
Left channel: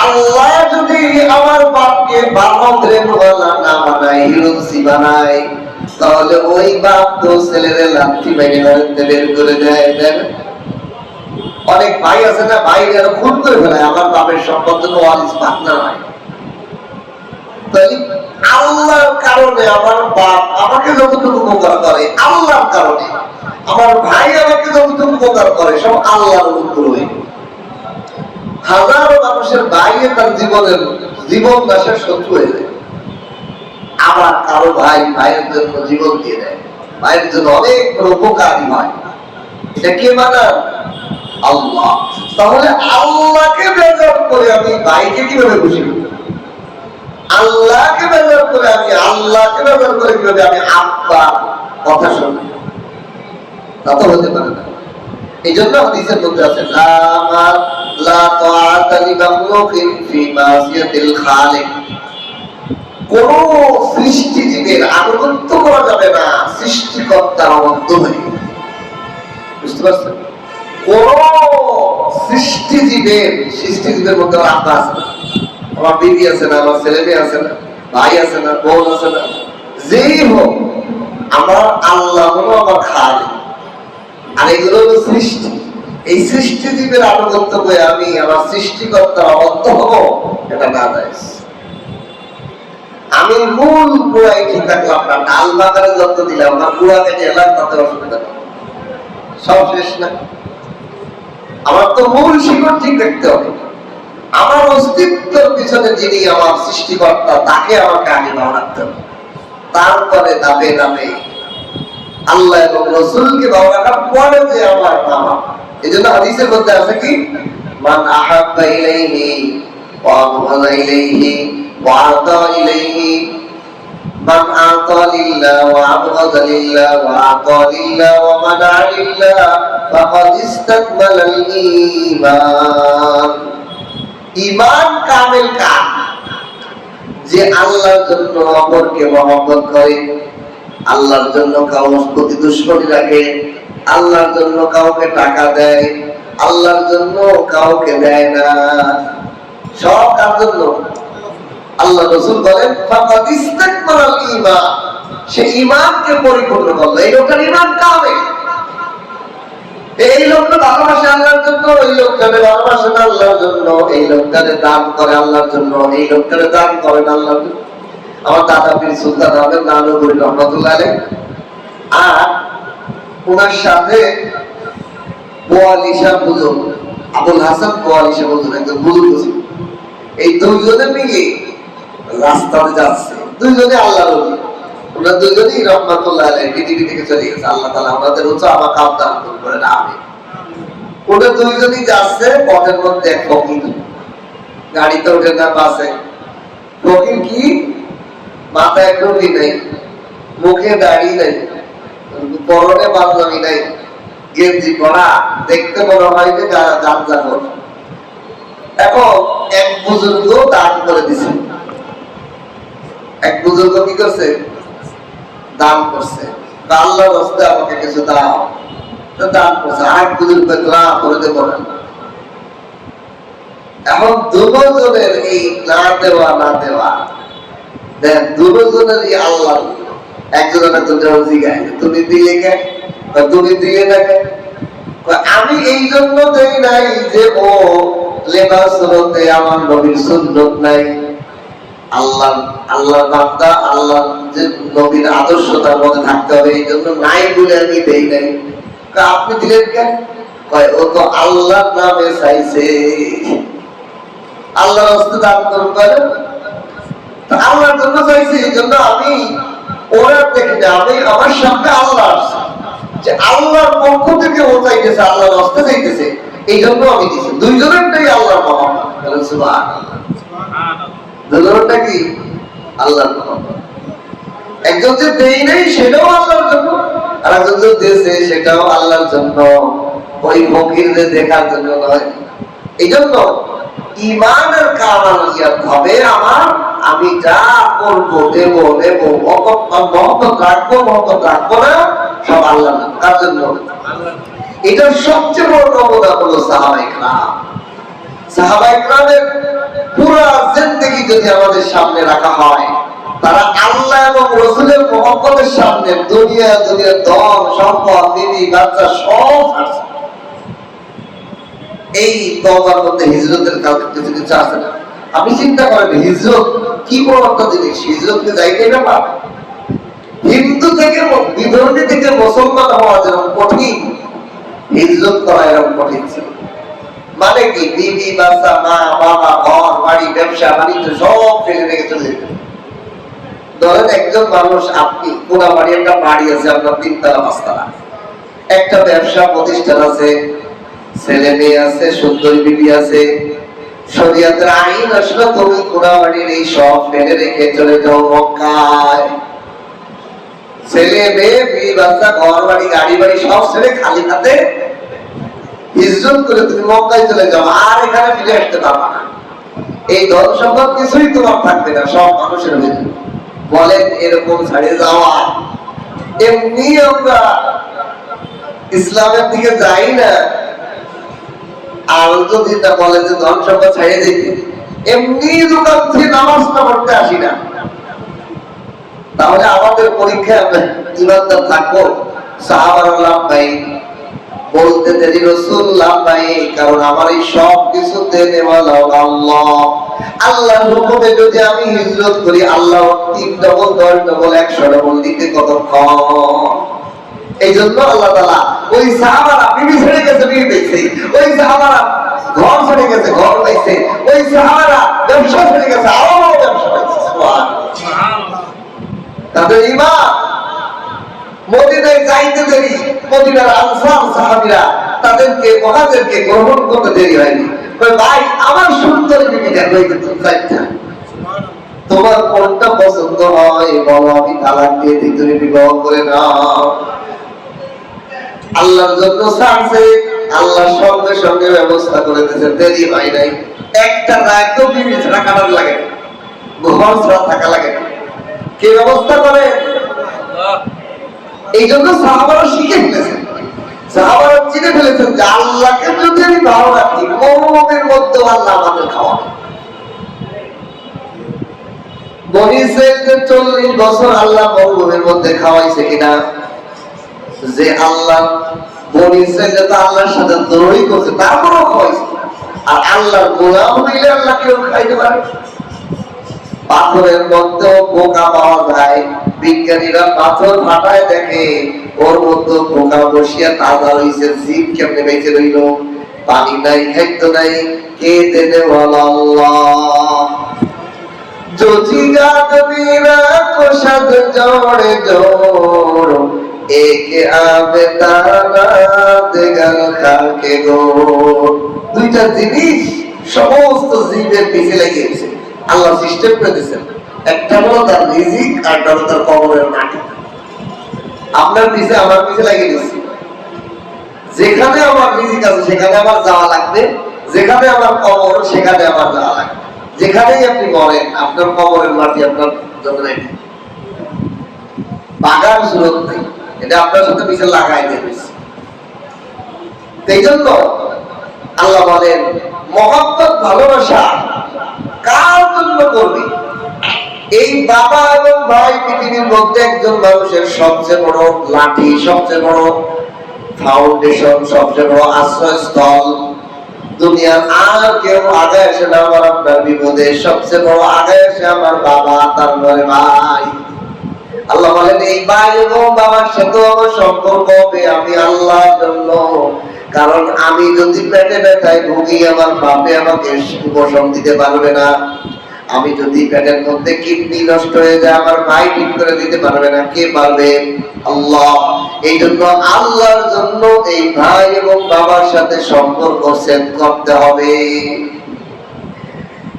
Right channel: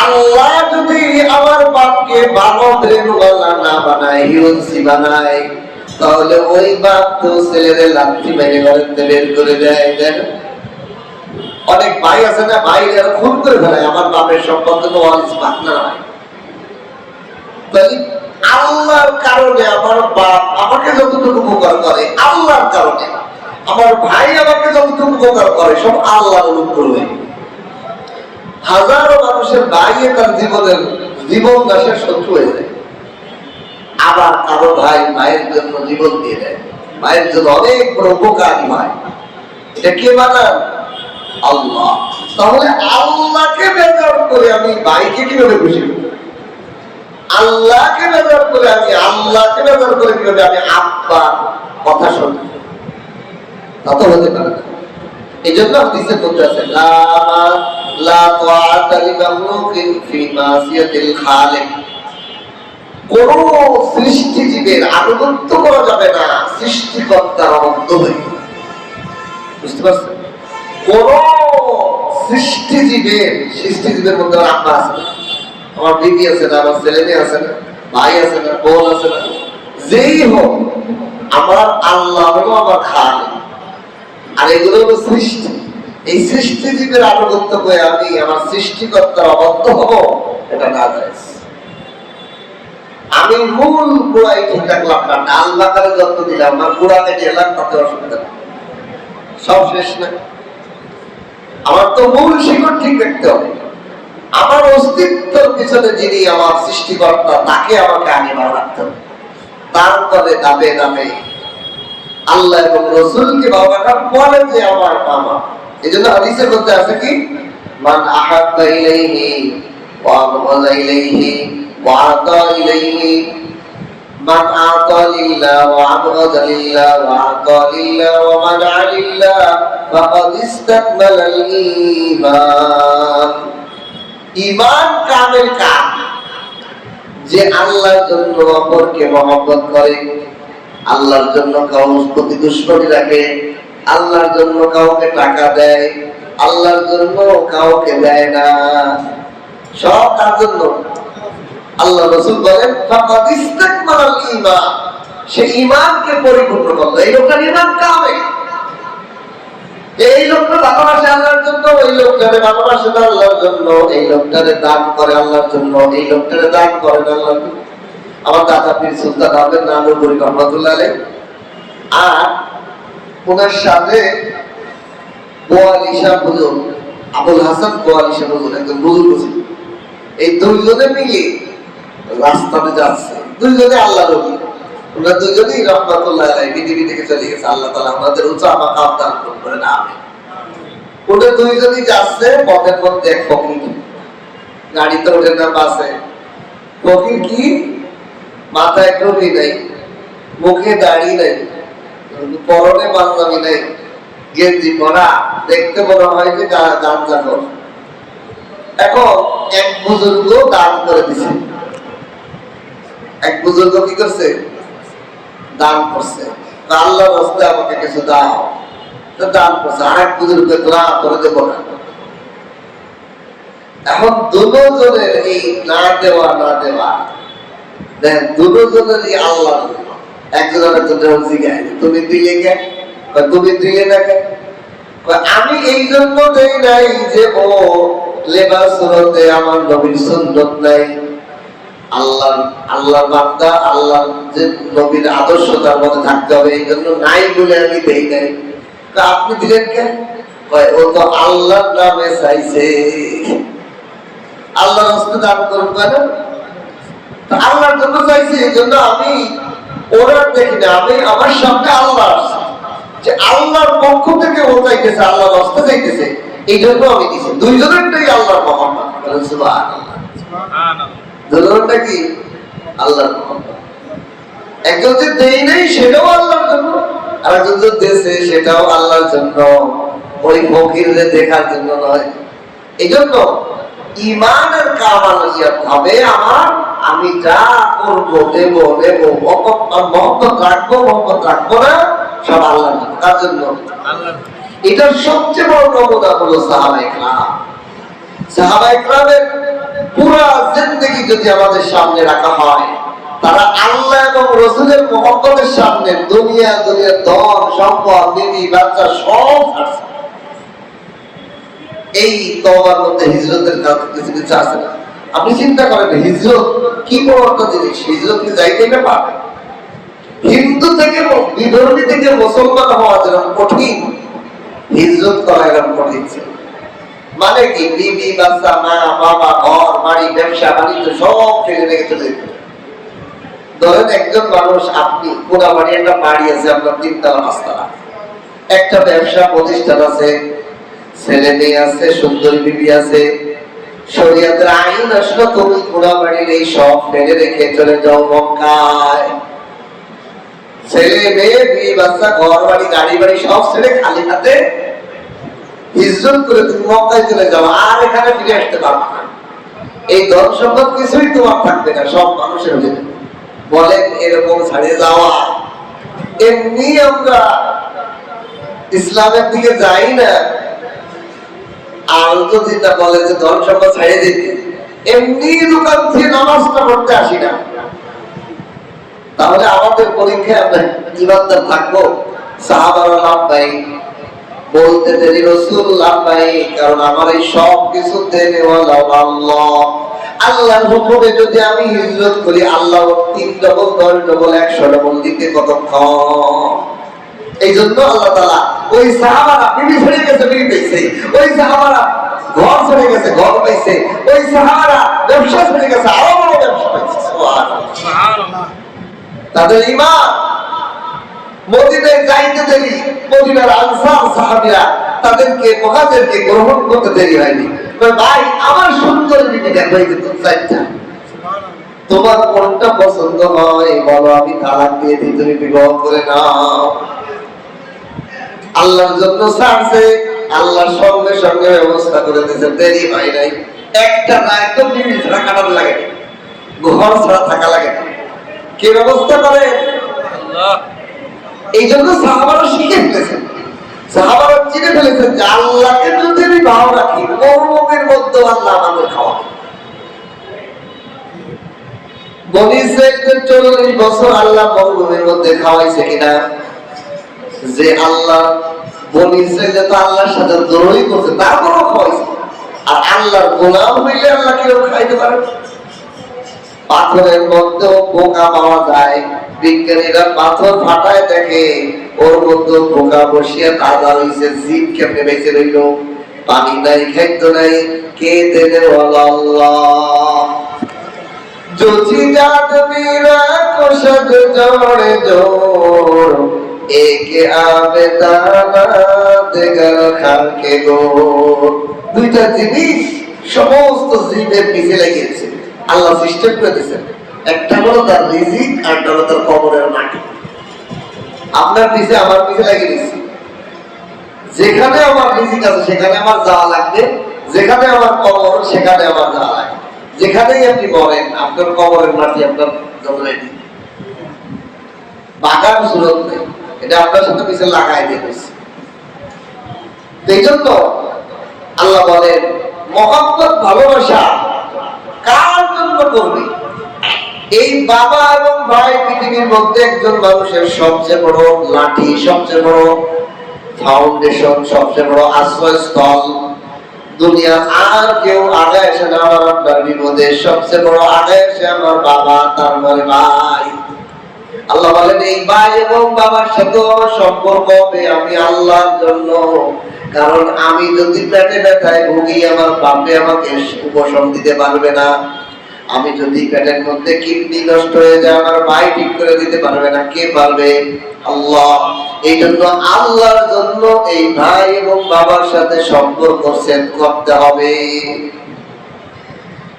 আল্লাহ যদি আমার বাপকে ভালো ব্রেনওয়ালা না বানায়, হিরোসি বানায়, তাহলে ওই বাপ তো ছেলেদের লাথি মেরে ঘরের বের করে দেয়। অনেক ভাই আছে না, ভাইরা খুন করে ফেলে আমার বাপের সম্পর্কে ওয়ারিস পার্টনার হয়। আল্লাহর কারণে আমার বাপ আমাকে যতটুকু উপকার করে, আল্লাহর কারণে আমার ভাই আমাকে যতটুকু উপকার করে, সব আল্লাহর অনুগ্রহে। হাজারো মানুষের ভাই তার জীবন নাশের শত্রু হয়ে যায়, আবার কারো ভাই ভাইয়ের জন্য জীবন দিয়ে দেয়, ভাইয়ের জন্য অনেক বড় উপকারী হয়। এটা কে বানান? আল্লাহ। তাহলে আল্লাহকে বেজার করে আমি ভাইকে কিভাবে খুশি করব? আল্লাহকে বেজার করে আমি আল্লাহকে বেজার করে কিভাবে আমি আব্বার কথা শুনব? তা তো হতে পারে না। এই জন্য হাদিসের মধ্যে আছে লা তাআতা লিমাখলুকিন ফি মাসিয়াতিল খালিক, কোন সৃষ্টিজীবের আনুগত্য করা যাবে না সৃষ্টিকর্তার অবাধ্য হয়ে। বুঝতে পারছেন? কোন সৃষ্টিজীবের মধ্যে আমার আব্বা আছে না, আমার বিবি আছে না, আমার ছেলে মেয়ে আছে না, ভাই আছে না, বোন আছে না, যেই হোক আমার আল্লাহ হলো আমার খালিক, আর এগুলো হলো সৃষ্টি। এই সৃষ্টিজীবের আনুগত্য করে আমি আমার সৃষ্টিকর্তার অবাধ্য হব, এটা না যায়। আমি মূল গোড়াই ঠিক রাখলাম না, ডাল বাগানে যত্ন দিলাম, আমার গোড়া কেটে এলাম, তাতে অসুবিধা নেই, সব শেষ না। আমার তো মূল শিকড় ঠিক রাখতে হবে। আমার অস্তিত্বের পিছনে যিনি আমার সৃষ্টিকর্তা, তাকে আমাকে আগে ভালো রাখতে হবে। তার তলে দাবে দাবে আল্লাহ এবং রাসূলকে ভালোবাসা পরে যে আমার মামা। এজন্য হাদিসের মধ্যে আছে কি, মান আহাব্বা ইলাইহি ওয়া আবগাযা ইলাইহি ওয়া আতা ইলাইহি, মান আতা লিল্লাহ ওয়া আবগাযা লিল্লাহ ওয়া আতা লিল্লাহ ওয়া মানা লিল্লাহ ফাকাদ ইসতাকমালাল ঈমান। ঈমান কামেল কাম, যে আল্লাহর জন্য অপরকে মহব্বত করে, আল্লাহর জন্য কারোর প্রতি দুশ্মনী রাখে, আল্লাহর জন্য কাউকে টাকা দেয়, আল্লাহর জন্য কাউকে দেয় না, সব কার জন্য? আল্লাহ রাসূল বলেন ফাকাদ ইসতাকমালাল ঈমান, সে ঈমানকে পরিপূর্ণ করলো। এই লোকটার ঈমান কামেল। এই লোকটা ভালোবাসে আল্লাহর জন্য, এই লোকটারে ভালোবাসে না আল্লাহর জন্য, এই লোকটারে দান করে আল্লাহর জন্য, এই লোকটারে দান করে না আল্লাহর জন্য। আমার দাদা পীর সুলতান আহমেদ নানুপুরী রহমাতুল্লাহ আলাইহি আর ওনার সাথে বোয়ালিশা হুজুর আবুল হাসান বোয়ালিশা হুজুর একজন হুজুর ছিল। এই দুইজনে মিলে রাস্তাতে যাচ্ছে, দুইজনে আল্লাহর ওলি। ওনারা দুইজনেই রহমাতুল্লাহ আলাইহি পৃথিবী থেকে চলে গেছে। আল্লাহ তাআলা ওনাদের উচ্চ মাকাম দান করবেন, আমিন। ওরা দুইজনই যাচ্ছে, পথের মধ্যে এক ফকির গাড়িতে ওঠে না, বাসে। ফকির কি মাথায় টুপি নাই, মুখে দাড়ি নাই, পরনে পাঞ্জাবি নাই, গেঞ্জি পরা, দেখতে মনে হয় যে গাঞ্জাখোর। এখন এক বুজুর্গ দান করে দিছে। এক বুজুর্গ কি করছে? দান করছে। আল্লাহর রাস্তায় আমাকে কিছু দাও, তো দান করছে। আর এক বুজুর্গ তোরা করে দেব না। এখন দুজনের এই না দেওয়া না দেওয়া, দেন দুজনেরই আল্লাহ। একজন আরেকজনের জিজ্ঞাসা, তুমি দিলে কে? তুমি দিলে না কে? আমি এই জন্য দেই নাই যে ও লেবাস হতে আমার নবীর সুন্নত নাই, আল্লাহর বান্দা, আল্লাহর যে নবীর আদর্শ তার মধ্যে থাকতে হবে, এই জন্য নাই বলে আমি দেই নাই। আপনি দিলেন কেন? ও তো আল্লাহর নামে চাইছে, আল্লাহর রাস্তায় দান করুন বলে, আল্লাহর জন্য চাইছে, এই জন্য আমি ওরা দেখি না, আমি আমার সামনে আল্লাহ আসছে, যে আল্লাহর পক্ষ থেকে ও চাইতেছে, আল্লাহর রাস্তায় চাইতেছে, এই জন্য আমি দিছি। দুইজনেরটাই আল্লাহর মহব্বত। বলেন সুবহানাল্লাহ। দুজনেরটা কি? আল্লাহর মহব্বত। একজন যে দেই নাই সেটাও আল্লাহর জন্য, আর একজন যে দেশে সেটাও আল্লাহর জন্য, ওই ফকিরদের দেখার জন্য নয়। এই জন্য ঈমানের কামালিয়াত হবে আমার, আমি যা করবো, দেব দেব, মহব্বত রাখবো, মহব্বত রাখবো না, সব আল্লাহর জন্য। কার জন্য? এটার সবচেয়ে বড় নমুনা হলো সাহাবায়ে কেরাম। সাহাবায়ে কেরামের পুরা জিন্দেগি যদি আমাদের সামনে রাখা হয়, তারা আল্লাহ এবং রাসূলের মহব্বতের সামনে দুনিয়ার ধন সম্পদ, বিবি বাচ্চা সব ছাড়ছে। এই তওবার মধ্যে হিজরতের কিছু কিছু আছে না? আপনি চিন্তা করেন, হিজরত কি বড় একটা জিনিস। হিজরতকে যাইতে ব্যাপার। হিন্দু থেকে বিধর্মী থেকে মুসলমান হওয়া যেরকম কঠিন, হিজরত করা এরকম কঠিন ছিল। মানে কি, বিবি বাচ্চা, মা বাবা, ঘর বাড়ি, ব্যবসা বাণিজ্য সব ফেলে রেখে চলে যেত। ধরেন একজন মানুষ, আপনি কোনাবাড়ি একটা বাড়ি আছে আপনার 3 তলা 5 তলা, একটা ব্যবসা প্রতিষ্ঠান আছে, ছেলে মেয়ে আছে, সুন্দরী বিবি আছে, শরীয়তের আইন আসলো তুমি কোনাবাড়ির এই সব ফেলে রেখে চলে যাও মক্কায়। ছেলে মেয়ে, বিবি বাচ্চা, ঘর বাড়ি, গাড়ি বাড়ি সব ছেড়ে খালি হাতে হিজরত করে তুমি মক্কায় চলে যাও, আর এখানে ফিরে আসতে পারবা না। এই ধন সম্পদ কিছুই তোমার থাকবে না, সব মানুষের হয়ে যাবে। বলেন এরকম ছাড়িয়ে যাওয়া? এমনি আমরা ইসলামের দিকে যাই না, আর যদি না বলে যে ধন সম্পদ ছাড়িয়ে দিতে, এমনি দোকান থেকে নামাজটা পড়তে আসি না। তাহলে আমাদের পরীক্ষায় আমরা ইমানদার থাকবো? সাহাবারা লাভবাহিক বলতে দেরি, রাসূল লাভবাহিক, কারণ আমার এই সব কিছু দেনেওয়ালা আল্লাহ। আল্লাহর হুকুমে যদি আমি হিজরত করি, আল্লাহ 3 ডবল 10 ডবল 100 ডবল দিতে কতক্ষণ? এই জন্য আল্লাহ তাআলা ওই সাহাবারা বিবি ছেড়ে গেছে, বিবি পেয়েছে, ওই সাহাবারা ঘর ছেড়ে গেছে, ঘর পাইছে, ওই সাহাবারা ব্যবসা ছেড়ে গেছে, আরো বড় ব্যবসা পাইছে। সুবহানাল্লাহ। তাদের ঈমান মদিনায় যাইতে দেরি, মদিনার আনসার সাহাবীরা তাদেরকে মুহাজিরকে গ্রহণ করতে দেরি হয়নি। ভাই আমার সুন্দর বিবি দেখো, এই যে চারটা, তোমার কোনটা পছন্দ হয় বলো, আমি তালাক দিয়ে দিই, তুমি বিবাহ করে নাও। আল্লাহর জন্য ছাড়ছে, আল্লাহ সঙ্গে সঙ্গে ব্যবস্থা করে দিয়েছে, দেরি হয় নাই। একটা দায়িত্ব বিবি ছাড়া কাটার লাগে না, ঘর ছাড়া থাকা লাগে না। কে ব্যবস্থা করে? এই জন্য সাহাবারা শিখে ফেলেছেন, সাহাবারা চিনে ফেলেছেন যে আল্লাহকে যদি আমি ভালো রাখি, মরুভূমির মধ্যে আল্লাহ আমাদের খাওয়াবে। বনী ইসরাঈলকে 40 বছর আল্লাহ মরুভূমির মধ্যে খাওয়াইছে কিনা? যে আল্লাহ বনী ইসরাঈল তো আল্লাহর সাথে দ্রোহী করছে, তারপরেও খাওয়াইছে। আর আল্লাহর গোলাম হইলে আল্লাহ কেউ খাইতে পারে? পাথরের মধ্যে পোকা পাওয়া যায়, বিজ্ঞানীরা পাথর ফাটায় দেখে ওর মধ্যে পোকা বসিয়া তাজা হইছে, জীব কেমনে বেঁচে রইল? পানি নাই, খাদ্য নাই, কে দেনে? আল্লাহ। जोची जात मीरा को शद जोड़े जोड़, एक आवे दाना देगर खाके गोड़। দুইটা জিনিস সমস্ত জীবের পিছে লেগেছে, আল্লাহ সিস্টেম করে দিয়েছেন। একটা হলো তার রিজিক, আর একটা হলো তার কবরের মাটি। আপনার পিছে আমার পিছে লাগিয়ে দিয়েছি, যেখানে আমার রিজিক আছে সেখানে আমার যাওয়া লাগবে, যেখানে আমার কবর সেখানে আমার যাওয়া লাগবে। যেখানেই আপনি মরেন, আপনার কবরের মাটি আপনার জন্য রেডি, বাগান সুরত নেই, এটা আপনার সাথে পিছে লাগাই দিয়েছে। এই জন্য আল্লাহ বলেন, মহব্বত ভালোবাসা কার জন্য করবে? এই বাবা এবং ভাই পৃথিবীর মধ্যে একজন মানুষের সবচেয়ে বড় লাঠি, সবচেয়ে বড় ফাউন্ডেশন, সবচেয়ে বড় আশ্রয়স্থল। দুনিয়া আর কেউ আগে আসে না আমার আপনার বিপদে, সবচেয়ে বড় আগে আসে আমার বাবা, তার মানে ভাই। আল্লাহ বলেন, এই ভাই এবং বাবার সাথে আমার সম্পর্ক হবে আমি আল্লাহর জন্য। কারণ আমি যদি পেটে ব্যথায় ভুগি, আমার বাপে আমাকে উপশম দিতে পারবে না। আমি যদি পেটের মধ্যে কিডনি নষ্ট হয়ে যায়, আমার ভাই ঠিক করে দিতে পারবে না। কে পারবে? আল্লাহ। এই জন্য আল্লাহর জন্য এই ভাই এবং বাবার সাথে সম্পর্ক সেট করতে হবে।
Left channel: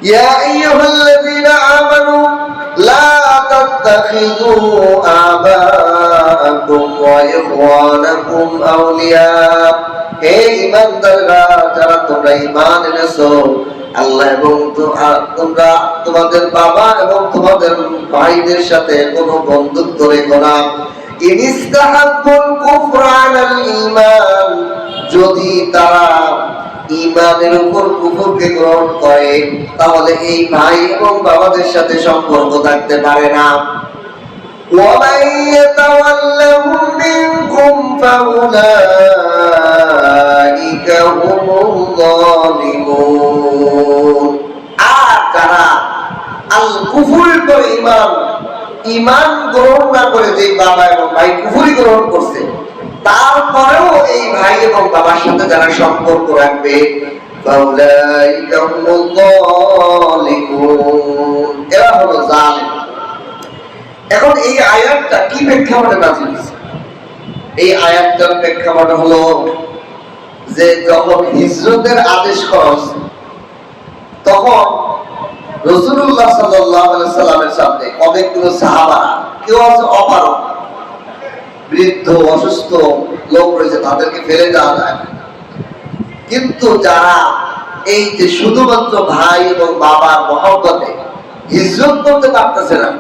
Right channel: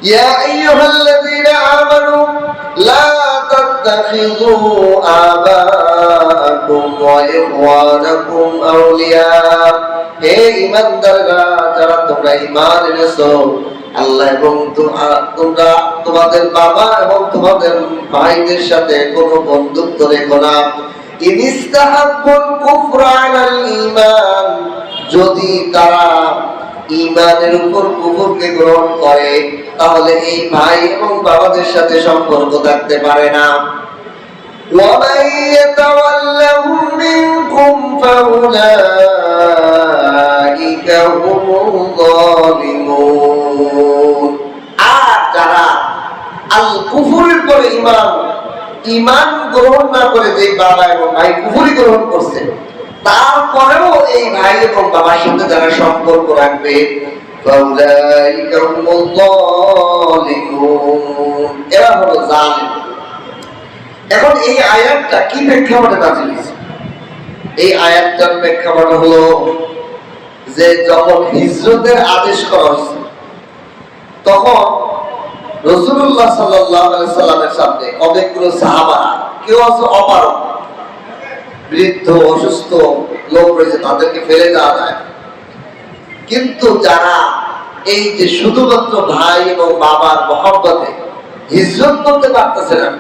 ইয়া আইয়ুহাল্লাযীনা আমানু লা তাত্তাখিযু আবাআকুম ওয়া ইখওয়ানাকুম আউলিয়া। হে ঈমানদাররা, যারা তোমরা ঈমান এনেছো, আল্লাহ এবং তোমরা তোমাদের বাবা এবং তোমাদের ভাইদের সাথে কোনো বন্ধুত্ব রেখো না। ইনিস্তাহাব্বুল কুফরা আলাল ঈমান, যদি তারা ঈমানের উপর কুফরকে গ্রহণ করে, তাহলে এই ভাই এবং বাবাদের সাথে সম্পর্ক থাকতে পারে না। وَمَن يَتَوَلَّهُم مِّنكُمْ فَأُولَٰئِكَ هُمُ الظَّالِمُونَ। আর যারা আল কুফরের পরে ঈমান গ্রহণ না করে, যে বাবা এবং ভাই কুফরি গ্রহণ করছে, তারপরেও এই ভাই এবং বাবার সাথে যারা সম্পর্ক রাখবে, ফাউলাইকা হুমুল যালিমুন, এরা হলো জালিম। এখন এই আয়াতটা কি প্রেক্ষাপটে নাযিল হয়েছে? এই আয়াতটার প্রেক্ষাপট হলো যে যখন হিজরতের আদেশ করা হয়েছে, তখন রাসূলুল্লাহ সাল্লাল্লাহু আলাইহি সাল্লামের সামনে অনেকগুলো সাহাবারা, কেউ আছে অপারগ, বৃদ্ধ অসুস্থ লোক রয়েছে, তাদেরকে ফেলে দেওয়া যায়। কিন্তু যারা এই যে শুধুমাত্র ভাই এবং বাবার মহব্বতে হিজরত করতে পারতেছে না,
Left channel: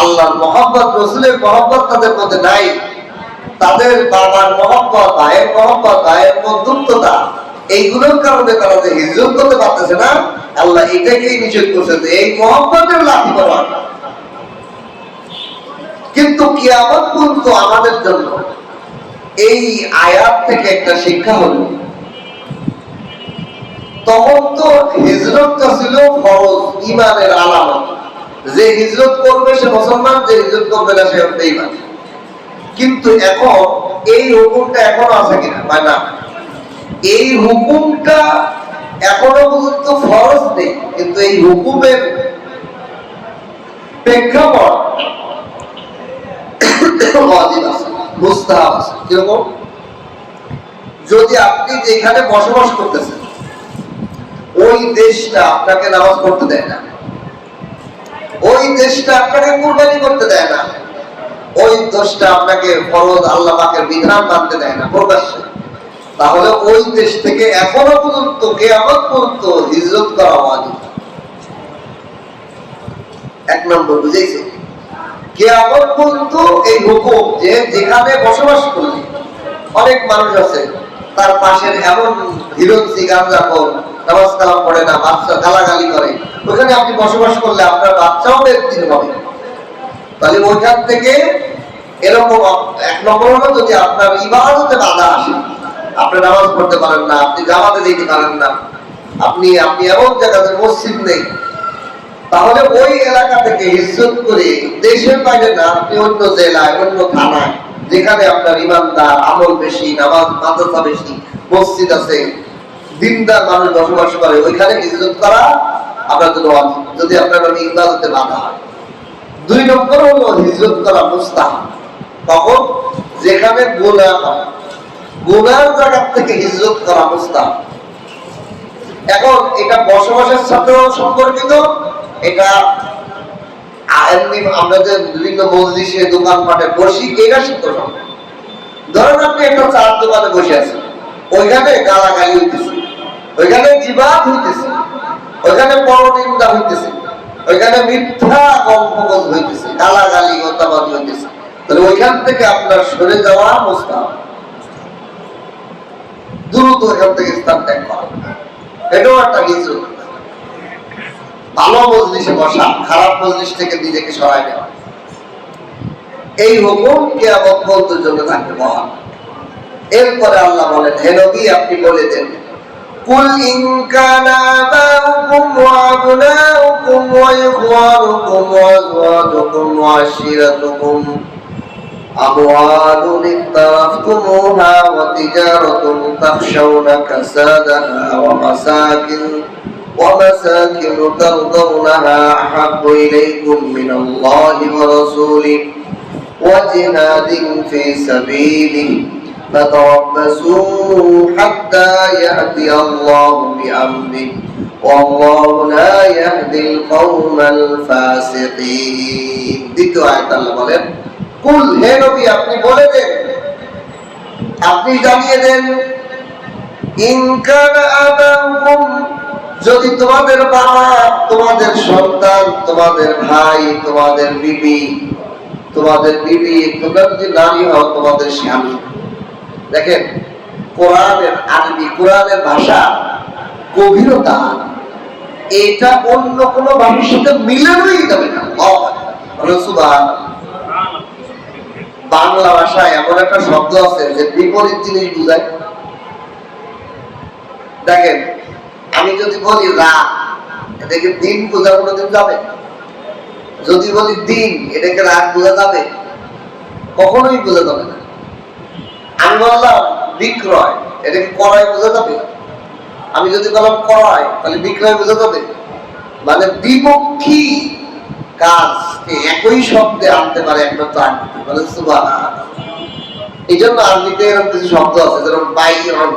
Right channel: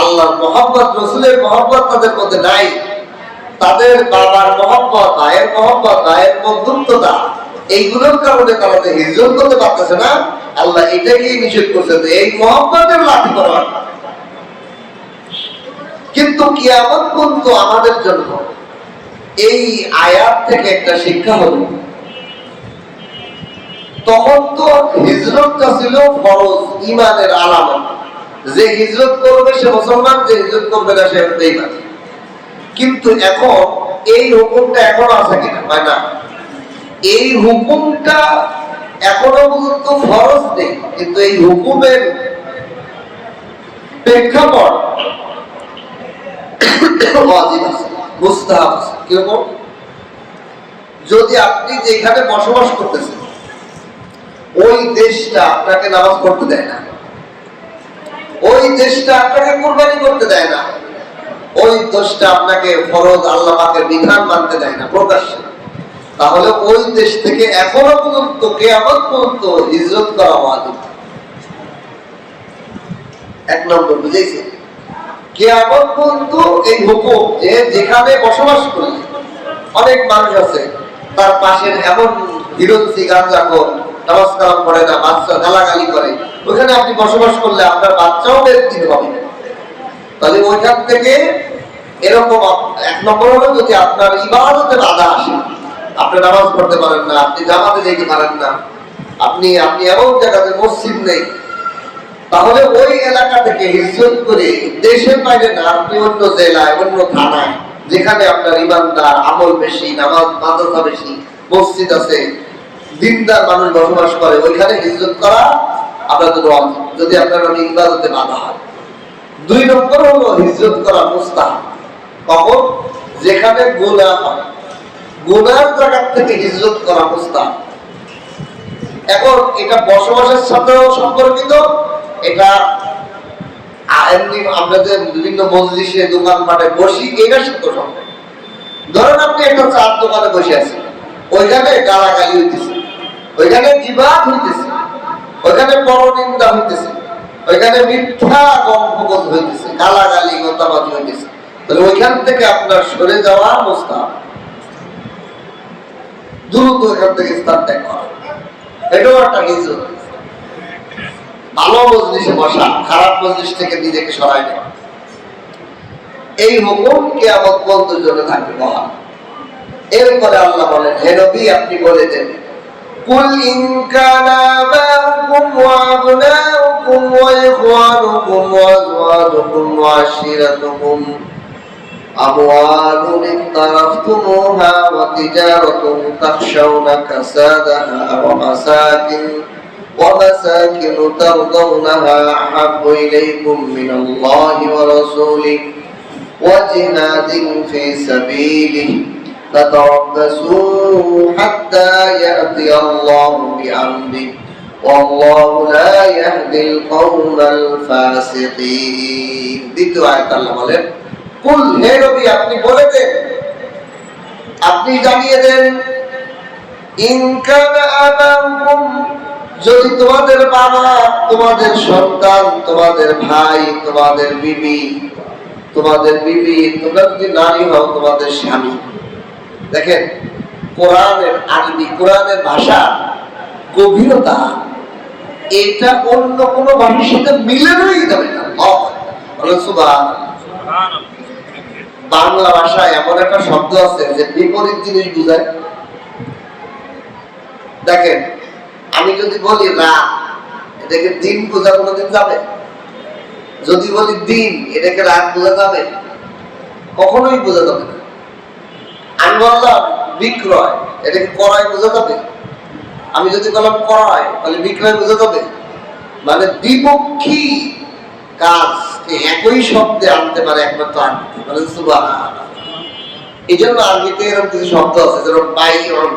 আল্লাহর মহব্বত, রাসূলের মহব্বত তাদের মধ্যে নাই, তাদের বাবার মহব্বত, ভাইয়ের মহব্বত, ভাইয়ের বন্ধুত্বতা, এইগুলোর কারণে তারা যে হিজরত করতে পারতেছে না, আল্লাহ এটাকেই নিষেধ করছে যে এই মহব্বতের লাঠি করা। কিন্তু কিয়ামত পর্যন্ত আমাদের জন্য এই আয়াত থেকে একটা শিক্ষা হলো, তখন তো হিজরতটা ছিল ফরজ, ঈমানের আলামত। যে হিজরত করবে সে মুসলমান, যে হিজরত করবে না সে বেঈমান। কিন্তু এখন এই হুকুমটা এখনো আছে কিনা? হয় না। এই হুকুমটা এখনো পর্যন্ত ফরজ নেই, কিন্তু এই হুকুমের প্রেক্ষাপট ওয়াজিব আছে, মুস্তাহাব আছে। কিরকম? যদি আপনি যেখানে বসবাস করতেছেন ওই দেশটা আপনাকে নামাজ পড়তে দেয় না, ওই দেশটা আপনাকে কুরবানি করতে দেয় না, ওই দেশটা আপনাকে ফরজ আল্লাহ পাকের বিধান মানতে দেয় না প্রকাশ্যে, তাহলে ওই দেশ থেকে এখনো পর্যন্ত কিয়ামত পর্যন্ত হিজরত করা ওয়াজিব। এক নম্বর বুঝেছে? কিয়ামত পর্যন্ত এই হুকুম যে যেখানে বসবাস করলে, অনেক মানুষ আছে তার পাশের এমন হিরোজি গাঁজাখোর, নামাজ কালাম পড়ে না, বাচ্চা গালাগালি করে, ওখানে আপনি বসবাস করলে আপনার বাচ্চাও একদিন হবে। তাহলে ওইখান থেকে এরকম এক নম্বর হলো যদি আপনার ইবাদতে বাধা আসে, আপনি নামাজ পড়তে পারেন না, আপনি জামাতে যেতে পারেন না, আপনি এমন জায়গাতে মসজিদ নেই, তাহলে ওই এলাকা থেকে হিজরত করে দেশের বাইরে না, আপনি অন্য জেলায় অন্য থানায় যেখানে আপনার ইমানদার আমল বেশি, নামাজ মাদ্রাসা বেশি, মসজিদ আছে, দিনদার মানুষ বসবাস করে, ওইখানে হিজরত করা আপনার জন্য ওয়াজিব, যদি আপনার ইবাদতে বাধা হয়। দুই নম্বর হলো হিজরত করা মুস্তাহাব। কখন? যেখানে গুনাহ হয়, গুনার জায়গা থেকে হিজরত করা মুস্তাহাব। এখন এটা বসবাসের সাথেও সম্পর্কিত, এটা এমনি আমরা যে বিভিন্ন মজলিসে দোকানপাটে বসি এটার সাথে সম্পর্ক। ধরেন আপনি একটা চার দোকানে বসে আছেন, ওইখানে গালাগালি হইতেছে, ওইখানে জিবাদ হইতেছে, ওইখানে পরনিন্দা হইতেছে, ওইখানে মিথ্যা গল্প হইতেছে, গালাগালি গতাবাজি হইতেছে, তাহলে ওইখান থেকে আপনার সরে যাওয়া মুস্তাহাব, দ্রুত ওইখান থেকে স্থান ত্যাগ করা, এটাও একটা হিজরত। ভালো মজলিসে বসা, খারাপ মজলিস থেকে নিজেকে সরাই নেওয়া, এই হুকুম কিয়ামত পর্যন্ত জন্য থাকবে বহাল। এরপরে আল্লাহ বলেন, হে নবী আপনি বলে দেন, কুল ইন কানা আবাউকুম ওয়া আবনাউকুম ওয়া ইখওয়ানুকুম ওয়া আযওয়াজুকুম ওয়া আশিরাতুকুম আমওয়ালুন ইক্তারাফতুমুহা ওয়া তিজারাতুন তাখশাউনা কাসাদাহা ওয়া ومساكن ترضونها أحب إليكم من الله ورسوله وجهاد في سبيله فتربصوا حتى يأتي الله بأمره والله لا يهدي القوم الفاسقين। দ্বিতীয় আয়াত আল্লাহ বলেন, কুল হে নবী আপনি বলে দেন, আপনি জানিয়ে দেন, ইন কানা আবাউকুম যদি তোমাদের বাবা, তোমাদের সন্তান, তোমাদের ভাই, তোমাদের বিবি, তোমরা যদি নারী হও, তোমাদের স্বামী। দেখেন কোরআনের আরবি, কোরআনের ভাষা গভীরতা, এটা অন্য কোনো ভাষার সাথে মিলানোই যাবে না। বাংলা ভাষায় এমন একটা শব্দ আছে যে বিপরীত জিনিস বুঝায়। দেখেন আমি যদি বলি রাত, এটাকে দিন বোঝা কোনোদিন যাবে? যদি বলি দিন, এটাকে রাত বোঝা যাবে? কখনোই বোঝা যাবে না। আমি বললাম বিক্রয়, এটাকে ক্রয় বোঝা যাবে? আমি যদি বললাম ক্রয়, তাহলে বিক্রয় বোঝা যাবে? মানে দ্বিপক্ষী কাজকে একই শব্দে আনতে পারে একমাত্র আরবিতে, মানে সুবহানাল্লাহ। এই জন্য আরবিতে এরকম কিছু শব্দ আছে, যেরকম বাইয়ন,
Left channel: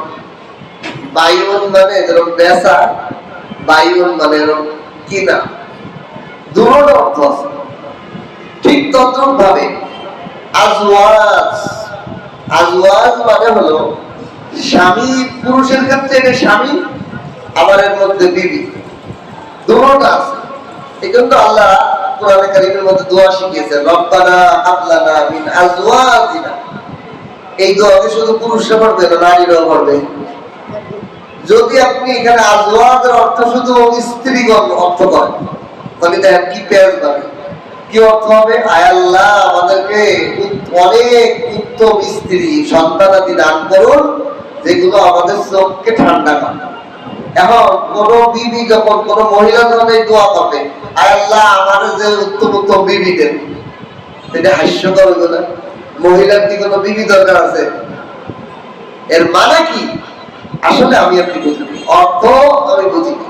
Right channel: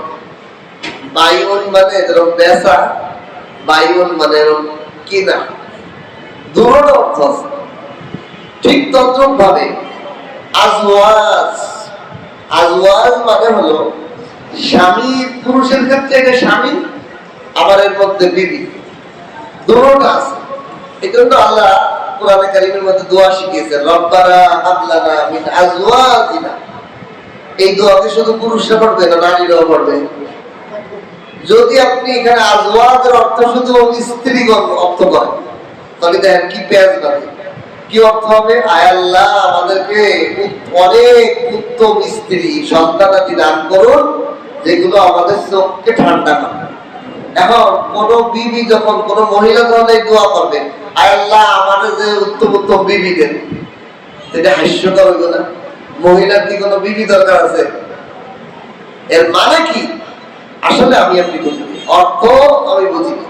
বাইয়ন মানে যেরকম বেচা, বাইয়ন মানে এরকম কিনা, দুটোর অর্থ আছে। ঠিক তদ্রুপ ভাবে আজওয়াজ, আজওয়াজ মানে হলো স্বামী, পুরুষের ক্ষেত্রে এটা স্বামী, আবার এর মধ্যে বিবি, দুটোটা আছে। এই জন্য আল্লাহ কোরআনে কারীমের মধ্যে দোয়া শিখিয়েছে, রব্বানা হাব লানা মিন আজওয়াজিনা। এই দোয়াকে শুধু পুরুষরা পড়বে না, নারীরাও পড়বে। যদি আপনি এখানে আজওয়াজের অর্থ শুধু স্ত্রীগণ অর্থ করেন, তাহলে দেখেন কি পেঁয়াজ পাবে, কি অর্থ হবে? আয় আল্লাহ আমাদেরকে অনেক উত্তম স্ত্রী সন্তানাদি দান করুন, যেগুলো আমাদের চোখকে ঠান্ডা করে। এখন কোন বিবি যখন, কোন মহিলা যখন এই দোয়া করবে, আয় আল্লাহ আমাদের যে উত্তম উত্তম বিবি দেন, এটা হাস্যকর হইব না? মহিলার কি কোনো বিবি দরকার আছে? এর মানে কি? আসলে আমি আপনি বুঝিনি, অর্থ আমি বুঝিনি।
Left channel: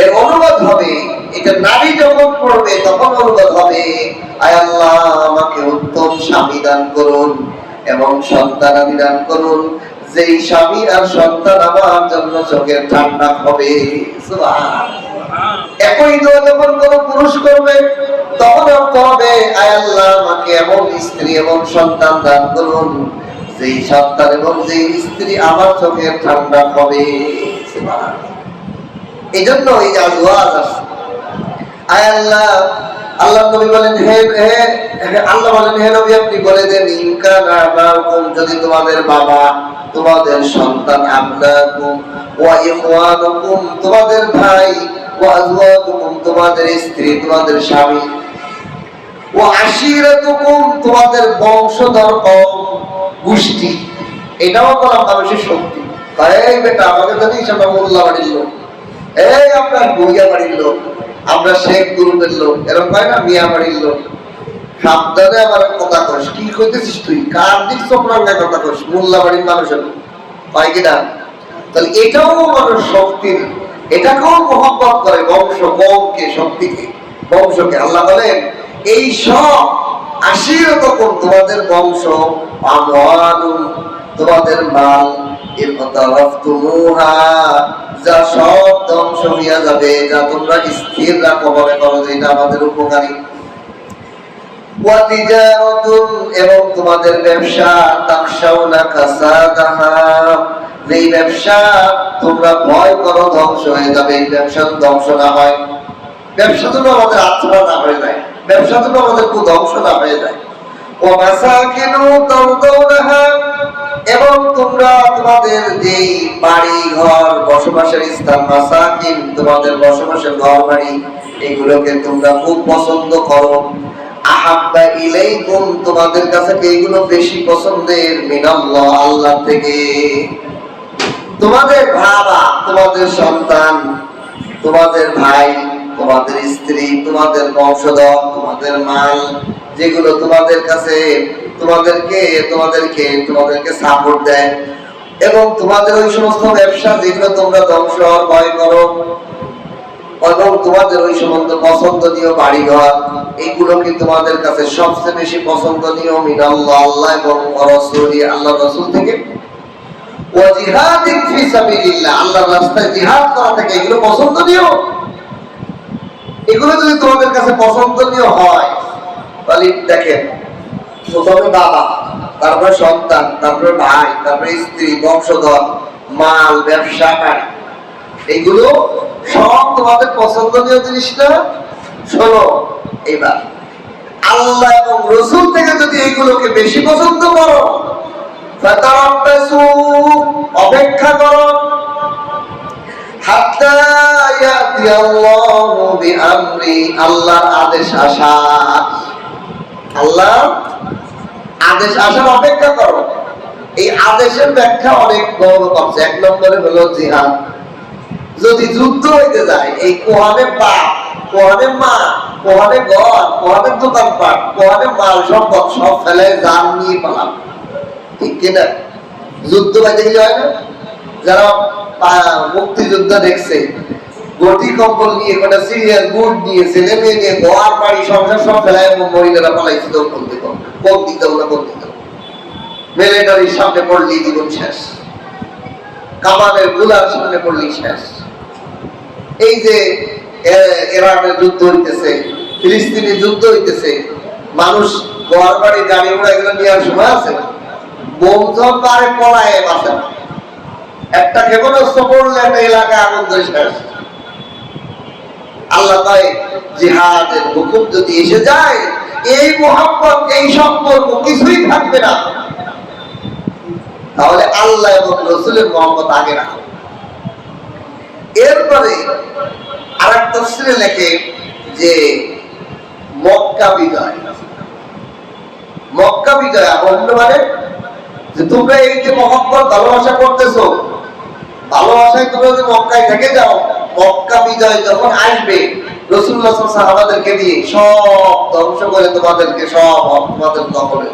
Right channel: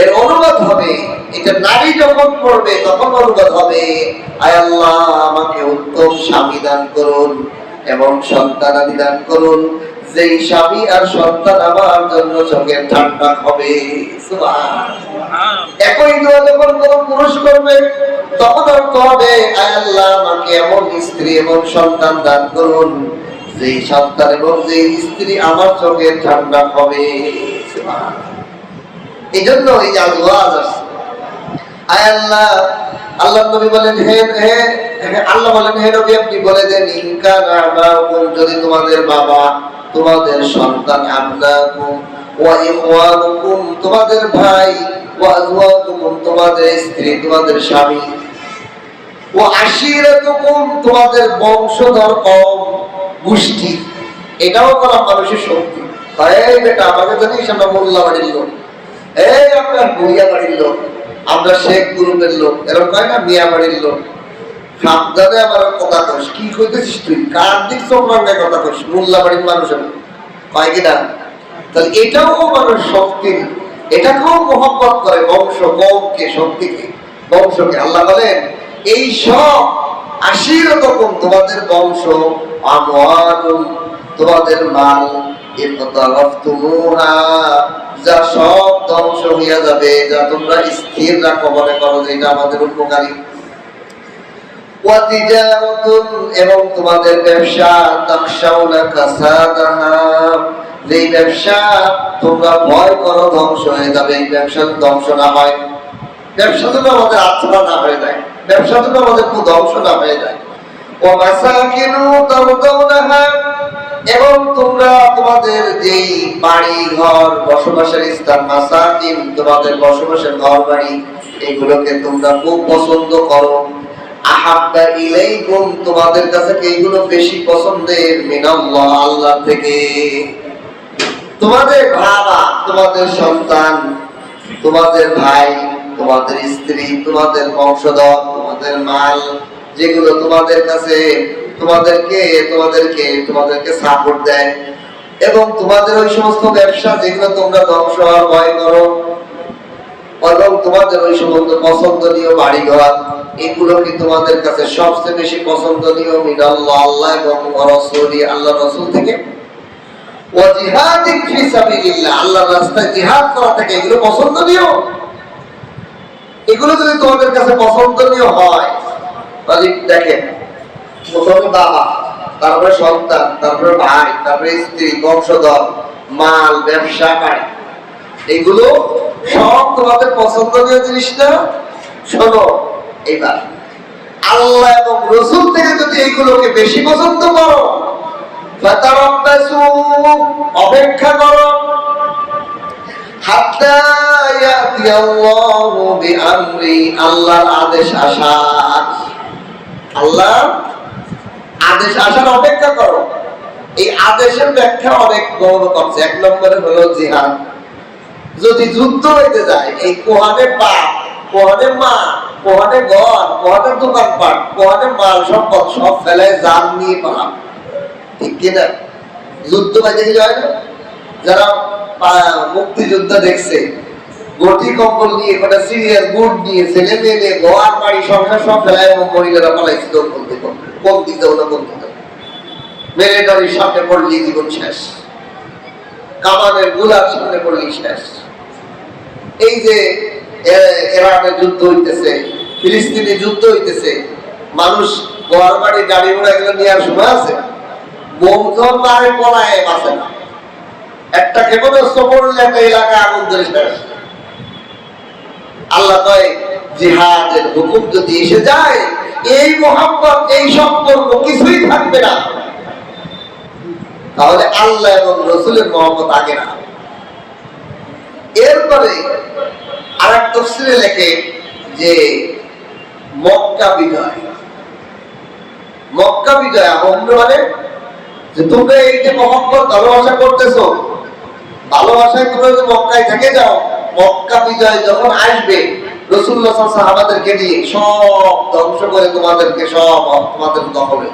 এর অনুবাদ হবে এটা নারী যখন পড়বে তখন অনুভব হবে, আয় আল্লাহ আমাকে উত্তম স্বামী দান করুন এবং সন্তানাদি দান করুন, যেই স্বামী আর সন্তান আমার জন্য চোখের ঠান্ডা হবে। সুবহানাল্লাহ। একই দোয়া যখন কোনো পুরুষ করবে তখন অর্থ হবে, আয় আল্লাহ আমাকে এমন স্ত্রী এবং সন্তান দান করুন, যেই সন্তান এবং যেই স্ত্রী আমার চোখের ঠান্ডা হবে। সুবহানাল্লাহ। এই জন্য এই যে আওয়াজ আসছে, আয় আল্লাহ, আল্লাহ নবী বলেন, হে আল্লাহ বলেন, হে নবী আপনি বলে দেন, ইনকানা আবাকুম, যদি তোমাদের বাবা, তোমাদের সন্তান, আবনাকুম ওয়া ইখওয়ানুকুম, তোমাদের ভাই, ওয়া আজওয়াজুকুম, তোমাদের স্ত্রী, তোমাদের স্বামী, ওয়া আশিরাতুকুম, তোমাদের বংশধর কওম, গোষ্ঠী। এটাও কোনো মানুষের শক্তি। এই বেটা আমাকে জানিস আমরা মোল্লা বাড়ির লোক, এই আপনার বুড়িয়া বাড়ির লোক, আমরা শেখ গ্রুপের লোক, এরকম কয় না, মিয়া বাড়ির লোক। সাবধানে আমার কথা কইস, কি কইতেছিস তুই, কার দিক চোখ রাঙ্গায় কথা কইস, মোল্লা বাড়ির মানুষের কয় কিনা। তাহলে এটাও মানুষ শক্তির, এটাকেও মহব্বত করে, বংশ, কওমকে, শক্তিকে, বংশকে। আল্লাহ বলেন এই সব আশিরাতুকুম, তোমাদের বংশ, আমওয়ালুম, তোমাদের মাল, ইরতারাফতুমুহা, যা সব ধ্বংস হইয়া যাবে, যা তোমরা স্থির রাখো, মনে করো যে এটা আমাদের উপকারী। ওয়া তিজারাতুন, এবং তোমাদের ব্যবসা, তাখশাউনা কাসাদাহা, যেই ব্যবসা তোমরা ভয় করো ধ্বংস হয়ে যাবে, এই ব্যবসা ধ্বংস না হয়, ব্যবসা যেন আমাদের আত্মা না হয়ে যায়, ব্যবসা যেন আমাদের ধ্বংস না হয়ে যায়। ওয়া মাসাকিনু তারদাউনাহা, এবং তোমরা তোমাদের যেই বাড়ি ঘর, বসবাসের স্থান, মাসাকিন, তোমাদের বসবাসের ঘর বাড়ি, এগুলোকে তোমরা খুব পছন্দ করো। আহাব্বা ইলাইকুম, তোমাদের কাছে এইগুলো বেশি পছন্দের, মিনাল্লাহ, আল্লাহ থেকে। তোমাদের বাবা, তোমাদের সন্তান, তোমাদের ভাই, তোমাদের স্ত্রী, তোমাদের বংশধর, তোমাদের মাল, যেগুলো তোমাদের কাছে তোমাদেরকে সাপোর্ট দেয়, এবং তোমাদের ওই সমস্ত ব্যবসা যেগুলো তোমরা ধ্বংস হওয়ার ভয় করো, এবং তোমাদের ওই সমস্ত পছন্দনীয় বাড়িঘর, এগুলোকে তোমাদের কাছে সবচেয়ে বেশি পছন্দনীয়, মিনাল্লাহ, আল্লাহ এবং রাসূলি, আল্লাহ রাসূল থেকে। ওয়া জিহাদিন ফি সাবিলিল্লাহ, আল্লাহর রাস্তায় জিহাদ করা থেকে এগুলো পছন্দনীয়। এগুলো যদি তোমাদের কাছে পছন্দনীয় হয়, তাহলে দেখেন, প্রথমে বাবা, তারপরে সন্তান, তারপরে ভাই, তারপরে স্ত্রী, বংশধর, মাল, ব্যবসা, বাড়ি, এগুলো সব তোমাদের পছন্দনীয় জিনিস না? শোনো, এবার আল্লাহ এবং রাসূল থেকে যদি এইগুলোকে বেশি পছন্দ করো, ফাতারাব্বাসু, অপেক্ষা করো, হাত্তা ইয়াতি আল্লাহু বিআমরি, আল্লাহর আদেশ আসা, আল্লাহ আদেশ আসার অপেক্ষা করো। এই আদেশের ব্যাখ্যা অনেক বড় করছে। এক নম্বরে হলো জিহাদ। যদি যুদ্ধ হইতে যায়, এই কোহানে বাপ, কোহানে মা, কোহানে ঘর, কোহানে দোকানপাট, কোহানে মাল সম্পদ সব ফেলায় জান নিয়ে পালাম, ঠিক কিনা? যুদ্ধ বাইতে গেলে হয় না? যারা মুক্তিযোদ্ধা দেখছে, গটি কম্বল নিয়ে, কটা সিরিয়াল বুট নিয়ে, ছেলে মেয়ে নিয়ে, ঘর বাড়ি সংসার সব ফেলায়, এবং মহিলারা পালাইছে কোন দিতে, কোন দিতে না কোন দিতে, মিলিটারির সামনে পড়লি জীবন শেষ, কামানের গুলার সামনে পড়লি শেষ। এই যে ইরানের যুদ্ধ হইতেছে, ফিলিস্তিনি যুদ্ধ হইতেছে, মানুষ ঘর বাড়ি, গাড়ি ঘোড়া এগুলো নেওয়ার সময় আছে, বোম ঝড় মারে পলায় বাঁচে না, একটা ক্ষেপণাস্ত্র পড়লে একটা এলাকা আগুন ধরে শেষ। আল্লাহ কয় জিহাদের হুকুম যদি এসে যায়, এই মোহাম্মত, এই সম্পর্ক কিছুই থাকবে না, তাহলে আল্লাহ এবং রাসূলের মহব্বত আগে না। এরপরে আরেক তাফসীরে লেখে যে মক্কা বিজয়, মক্কা বিজয় আনন্দ মানে যে তোমরা এই যে মহব্বত, ভালোবাসা করতেছো, ভালোবাসায় তোমরা যদি মক্কায় থেকে যাও, মক্কা বিজয় যখন আসবে, রাসূলুল্লাহ সাল্লাল্লাহু আলাইহি ওয়াসাল্লাম সাহাবাদেরকে দিয়ে সব ধ্বংস করে তোমাদেরকে সব তোমাদের দখলে।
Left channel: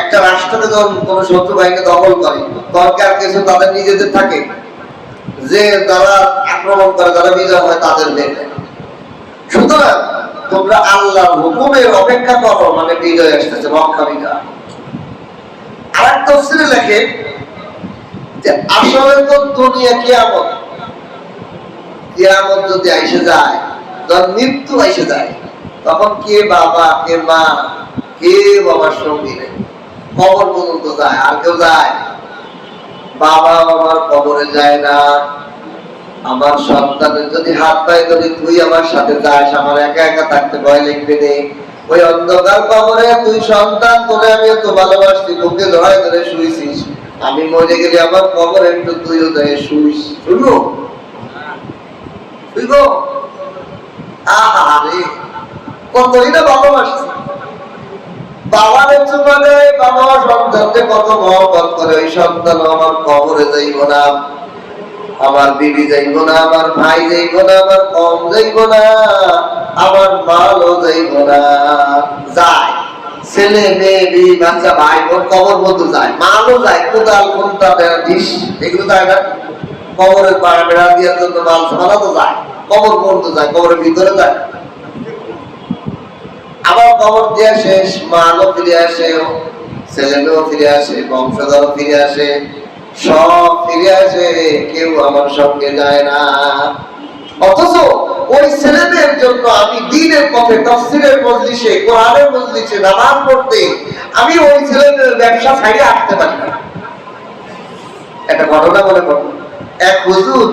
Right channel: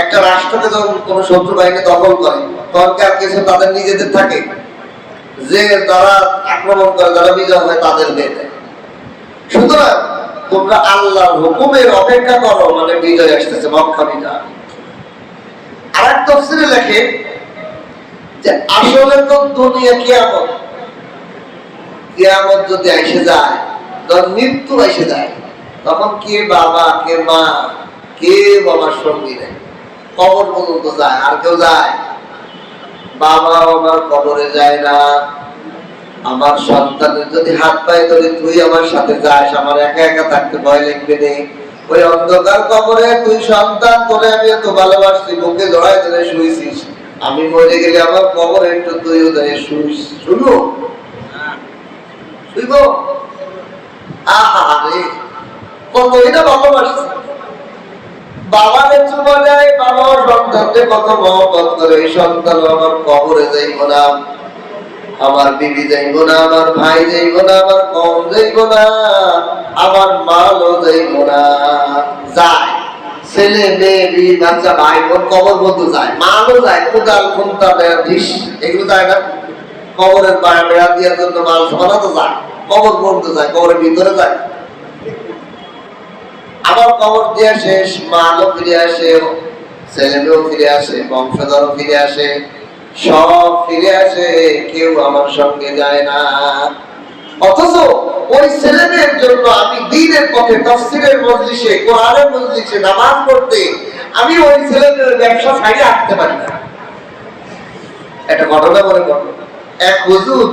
একটা রাষ্ট্রকে যখন কোন শত্রু বাহিনী দখল করে, দরকার কিছু তাদের নিজেদের থাকে, যে যারা আক্রমণ করে, যারা বিজয় হয় তাদের মেয়ে দেয়। সুতরাং তোমরা আল্লাহর হুকুমের অপেক্ষা করো, মানে বিজয় আসতেছে, মক্কা বিজয়। আর এক তাফসীরে লেখে যে আসলে তো দুনিয়া কিয়ামত, কিয়ামত যদি এসে যায়, যখন মৃত্যু এসে যায়, তখন কে বাবা কে মা কেউ আমার সঙ্গী নেই, কবর পর্যন্ত যায়। আর কেউ যায়? বাবা আমার কবরে যায় না। আমার সন্তানের যদি হাত পায়ে ধরে তুই আমার সাথে যাস, আমার একা একা থাকতে ভয় লাগবে নেই। ওই অন্ধকার কবরে তুই সন্তান, তোরে আমি এত ভালোবাসছি, বুকে জড়াই ধরে শুয়েছিস, আমি মরে গেলে আমার কবরে একটু তুইও ধরে শুইস, শুনবো? শুইব? আহারে কতই না ভালোবাসছি। বাবার চুমা দেয়, বাবা সন্তানকে কত মহব্বত করে। ওই সন্তান আমার কবরে যাইব না, আমার বিবি যাইব না, আমার ভাই যাইব না, আমার কম যাইব না, আমার মালও যাইব না। যায় ছেলে মেয়ে বিবি বাচ্চা ভাই বোন কবর বন্ধু যায়, মালও যায়, কোদাল খুন্তা ঢিস এগুলো যায় না? কবরের পাড়া বেড়া দেওয়ার জন্য মাল সামানা তো যায়, কবর বন্ধু যায়, কবরের ভিতরে যায়। আবার কবর দিয়ে শেষ, মালও ফিরে আসে, ছেলে মেয়েও ফিরে আসে, বংশধরও ফিরে আসে, সব ফিরে আসে, কেউ আমার সঙ্গে যায় না। অথচ ওই ছেলে মেয়ের জন্য আমি দ্বীনের পথে, তাফসীরের মজলিসে, কোরআনের মজলিসে নামাজ পড়তে আমি ওই ছেলে মেয়ের ব্যবসা ছাড়িয়ে আসতে পারি না। একটা ঘটনা মনে পড়ল। এক হুজুর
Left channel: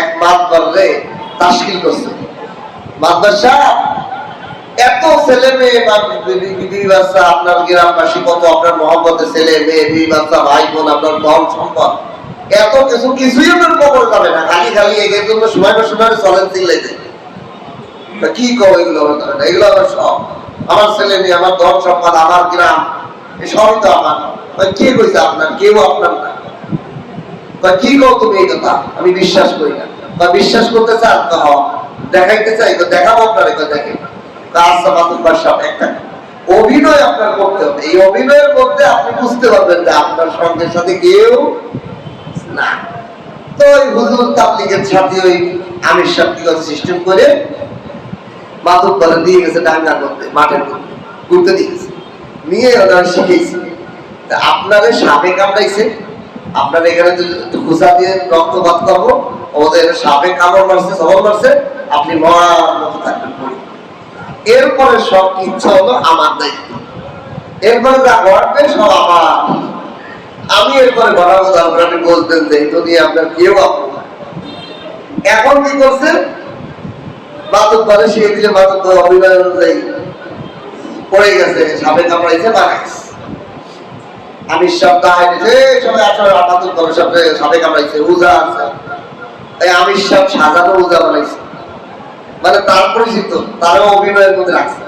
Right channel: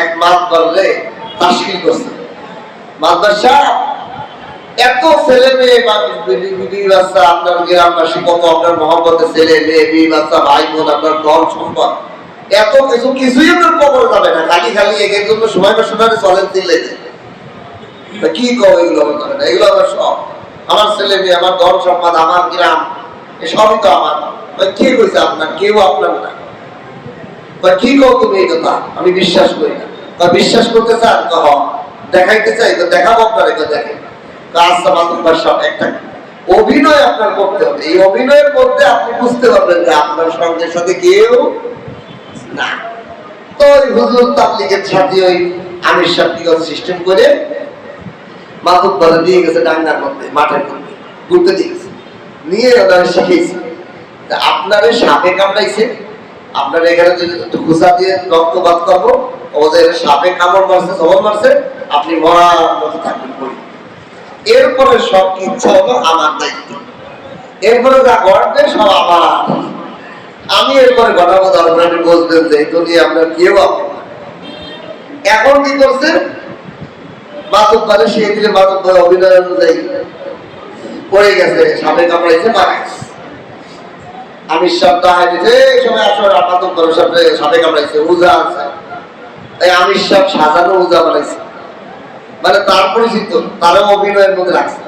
এক মাতবরে তাশকিল করছে। মাতবার সাহেব, এত ছেলে মেয়ে বিবি বাচ্চা, আপনার গ্রামবাসী কত, আপনার মহব্বতের ছেলে মেয়ে বিবি বাচ্চা ভাই বোন, আপনার ধন সম্পদ, এত কিছু, কিছুই আপনার কবর যাবে না। খালি খালি এর জন্য সময় শোনারে চলেন চিল্লাইতে, কি কব এগুলো আমার যাবে না, এগুলো আমার সব, আমার ছেলে মেয়ে, আমার ধন সম্পদ, আমার গ্রাম, সবই তো আমার। কে কইছে আপনার? কেউ আপনার না। কি কও তুমি এই কথা? আমি বিশ্বাস করি না। বিশ্বাস করতে চান? দেখাইতে চাই তো দেখাবো আপনার, দেখেন একটা অভিনয় আপনার করতে হবে। এই অভিনয়ের মধ্যে আপনি বুঝতে পারবেন যে আপনার সঙ্গের সাথে কেউ না। তো ওই হুজুর তাবলীগের সাথে ওই আমির সাহেব কি কথা সিস্টেম করে মাতুব্বরে দিয়ে গেছে, ডাঙ্গার মধ্যে, মাঠের মধ্যে ঘুরতে দিয়ে গেছে, নিয়ে ওরা শিখেছে আপনারে সাপে কামড়াইছে, আপনার এখানে একটু খুঁজা দিয়ে রক্তপাত করবো, ওদের সাপে কামড় মারছে, সবল মারছে, আপনি মরার মতো থাকবেন পড়ি। এরপরে সব ইচ্ছা হলো আমার দায়িত্ব, এরপরে যা ঘটবে সব আমার, আমি এরপরে ঘটাবো। তারপরে আপনি বুঝবেন যে এই দুনিয়া আপনার কেউ আপনার না। এখন কি করছে? মাতুব্বরে সে দিলে, মাতুব্বর অভিনয় অনুযায়ী পড়ে গেছে, সাপে কামড়াইছে, বাগাইছে। আমি সব দাহাই দিতে সময় আসলে মাতুব্বরের সাথে সাপে কামড়াইছে, উজা আছে, তাই আমি সব সাজানো উজা বানাইছে, মানে তার পরিচিত, তারও অভিনয়ের মধ্যে রাখছে।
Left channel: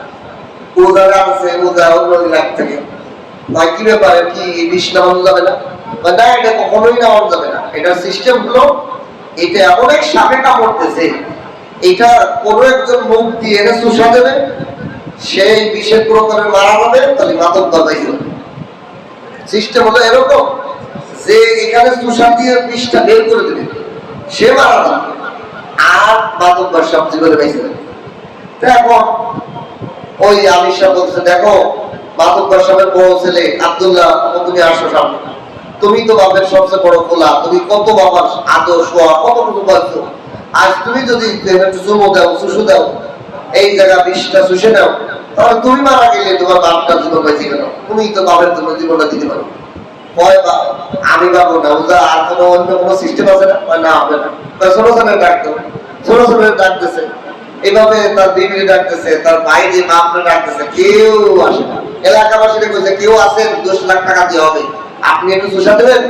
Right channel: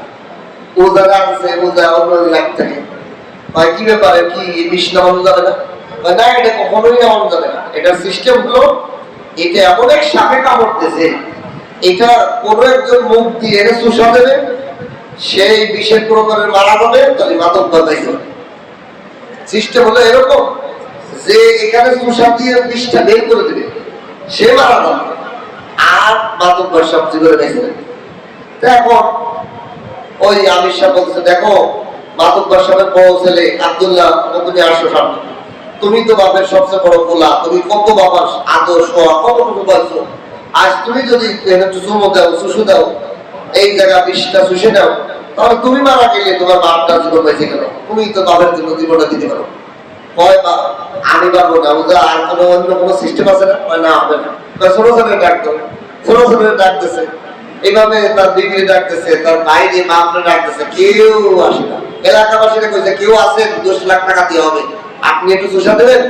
উজা আছে, উজা অন্য লাগ থাকে। ভাই কি ব্যাপারে, কি বিষ নামানো যাবে না? না, এটা কখনোই নামানো যাবে না। এটার সিস্টেম হলো, এটা এমন এক সাপে কামড়তেছে, এটা কোনো একজন মুখ দিয়ে এনে চুষা দেবে, সেই বিষের প্রকারের মারা যাবে, তাহলে মাতব্বর পাইতে হবে। সিস্টেম হলো এরকম যে এখানে চুষা দিয়ে বিষটা বের করে দেবে, সে মারা যাবে, আর মাতব্বর সব জীবনে বেঁচে যাবে। এখন ওই আমির সাহেব বলছে, দেখো মাতুব্বর সাহেবের বড় ছেলে আব্দুল্লাহ, তুমি আসো সামনে, তুমি তো বাপের সবচেয়ে বড় কোলা, তুমি কত বাবার আদর সোয়া কত কিছু পাচ্ছো, আজ তুমি যদি একটু চুমো দাও, চুষু দাও, এই জায়গা বিষটা চুষে দাও, তাহলে তুমি মারা গেলে তোমার বাপটা জীবন বেঁচে গেল, তুমি তো বাপের জন্য জীবনটা দিতে পারো। হয় বা আমি পারবো না, ওটা আর কোনো অন্য কোনো সিস্টেম আছে না? না, হবে না। ছোট ছোট ডাক দাও, ছোট ছোট ডাকতেছে, এইভাবে তার বিবি ডাকতেছে, তার বাইরে বাপরে ডাকতেছে, কেউ আসে না। এলাকাবাসীরা কইছে, কেউ আছেন? 10 লাখ টাকা দিয়ে হবে, আপনি একটু চুষা দেবেন,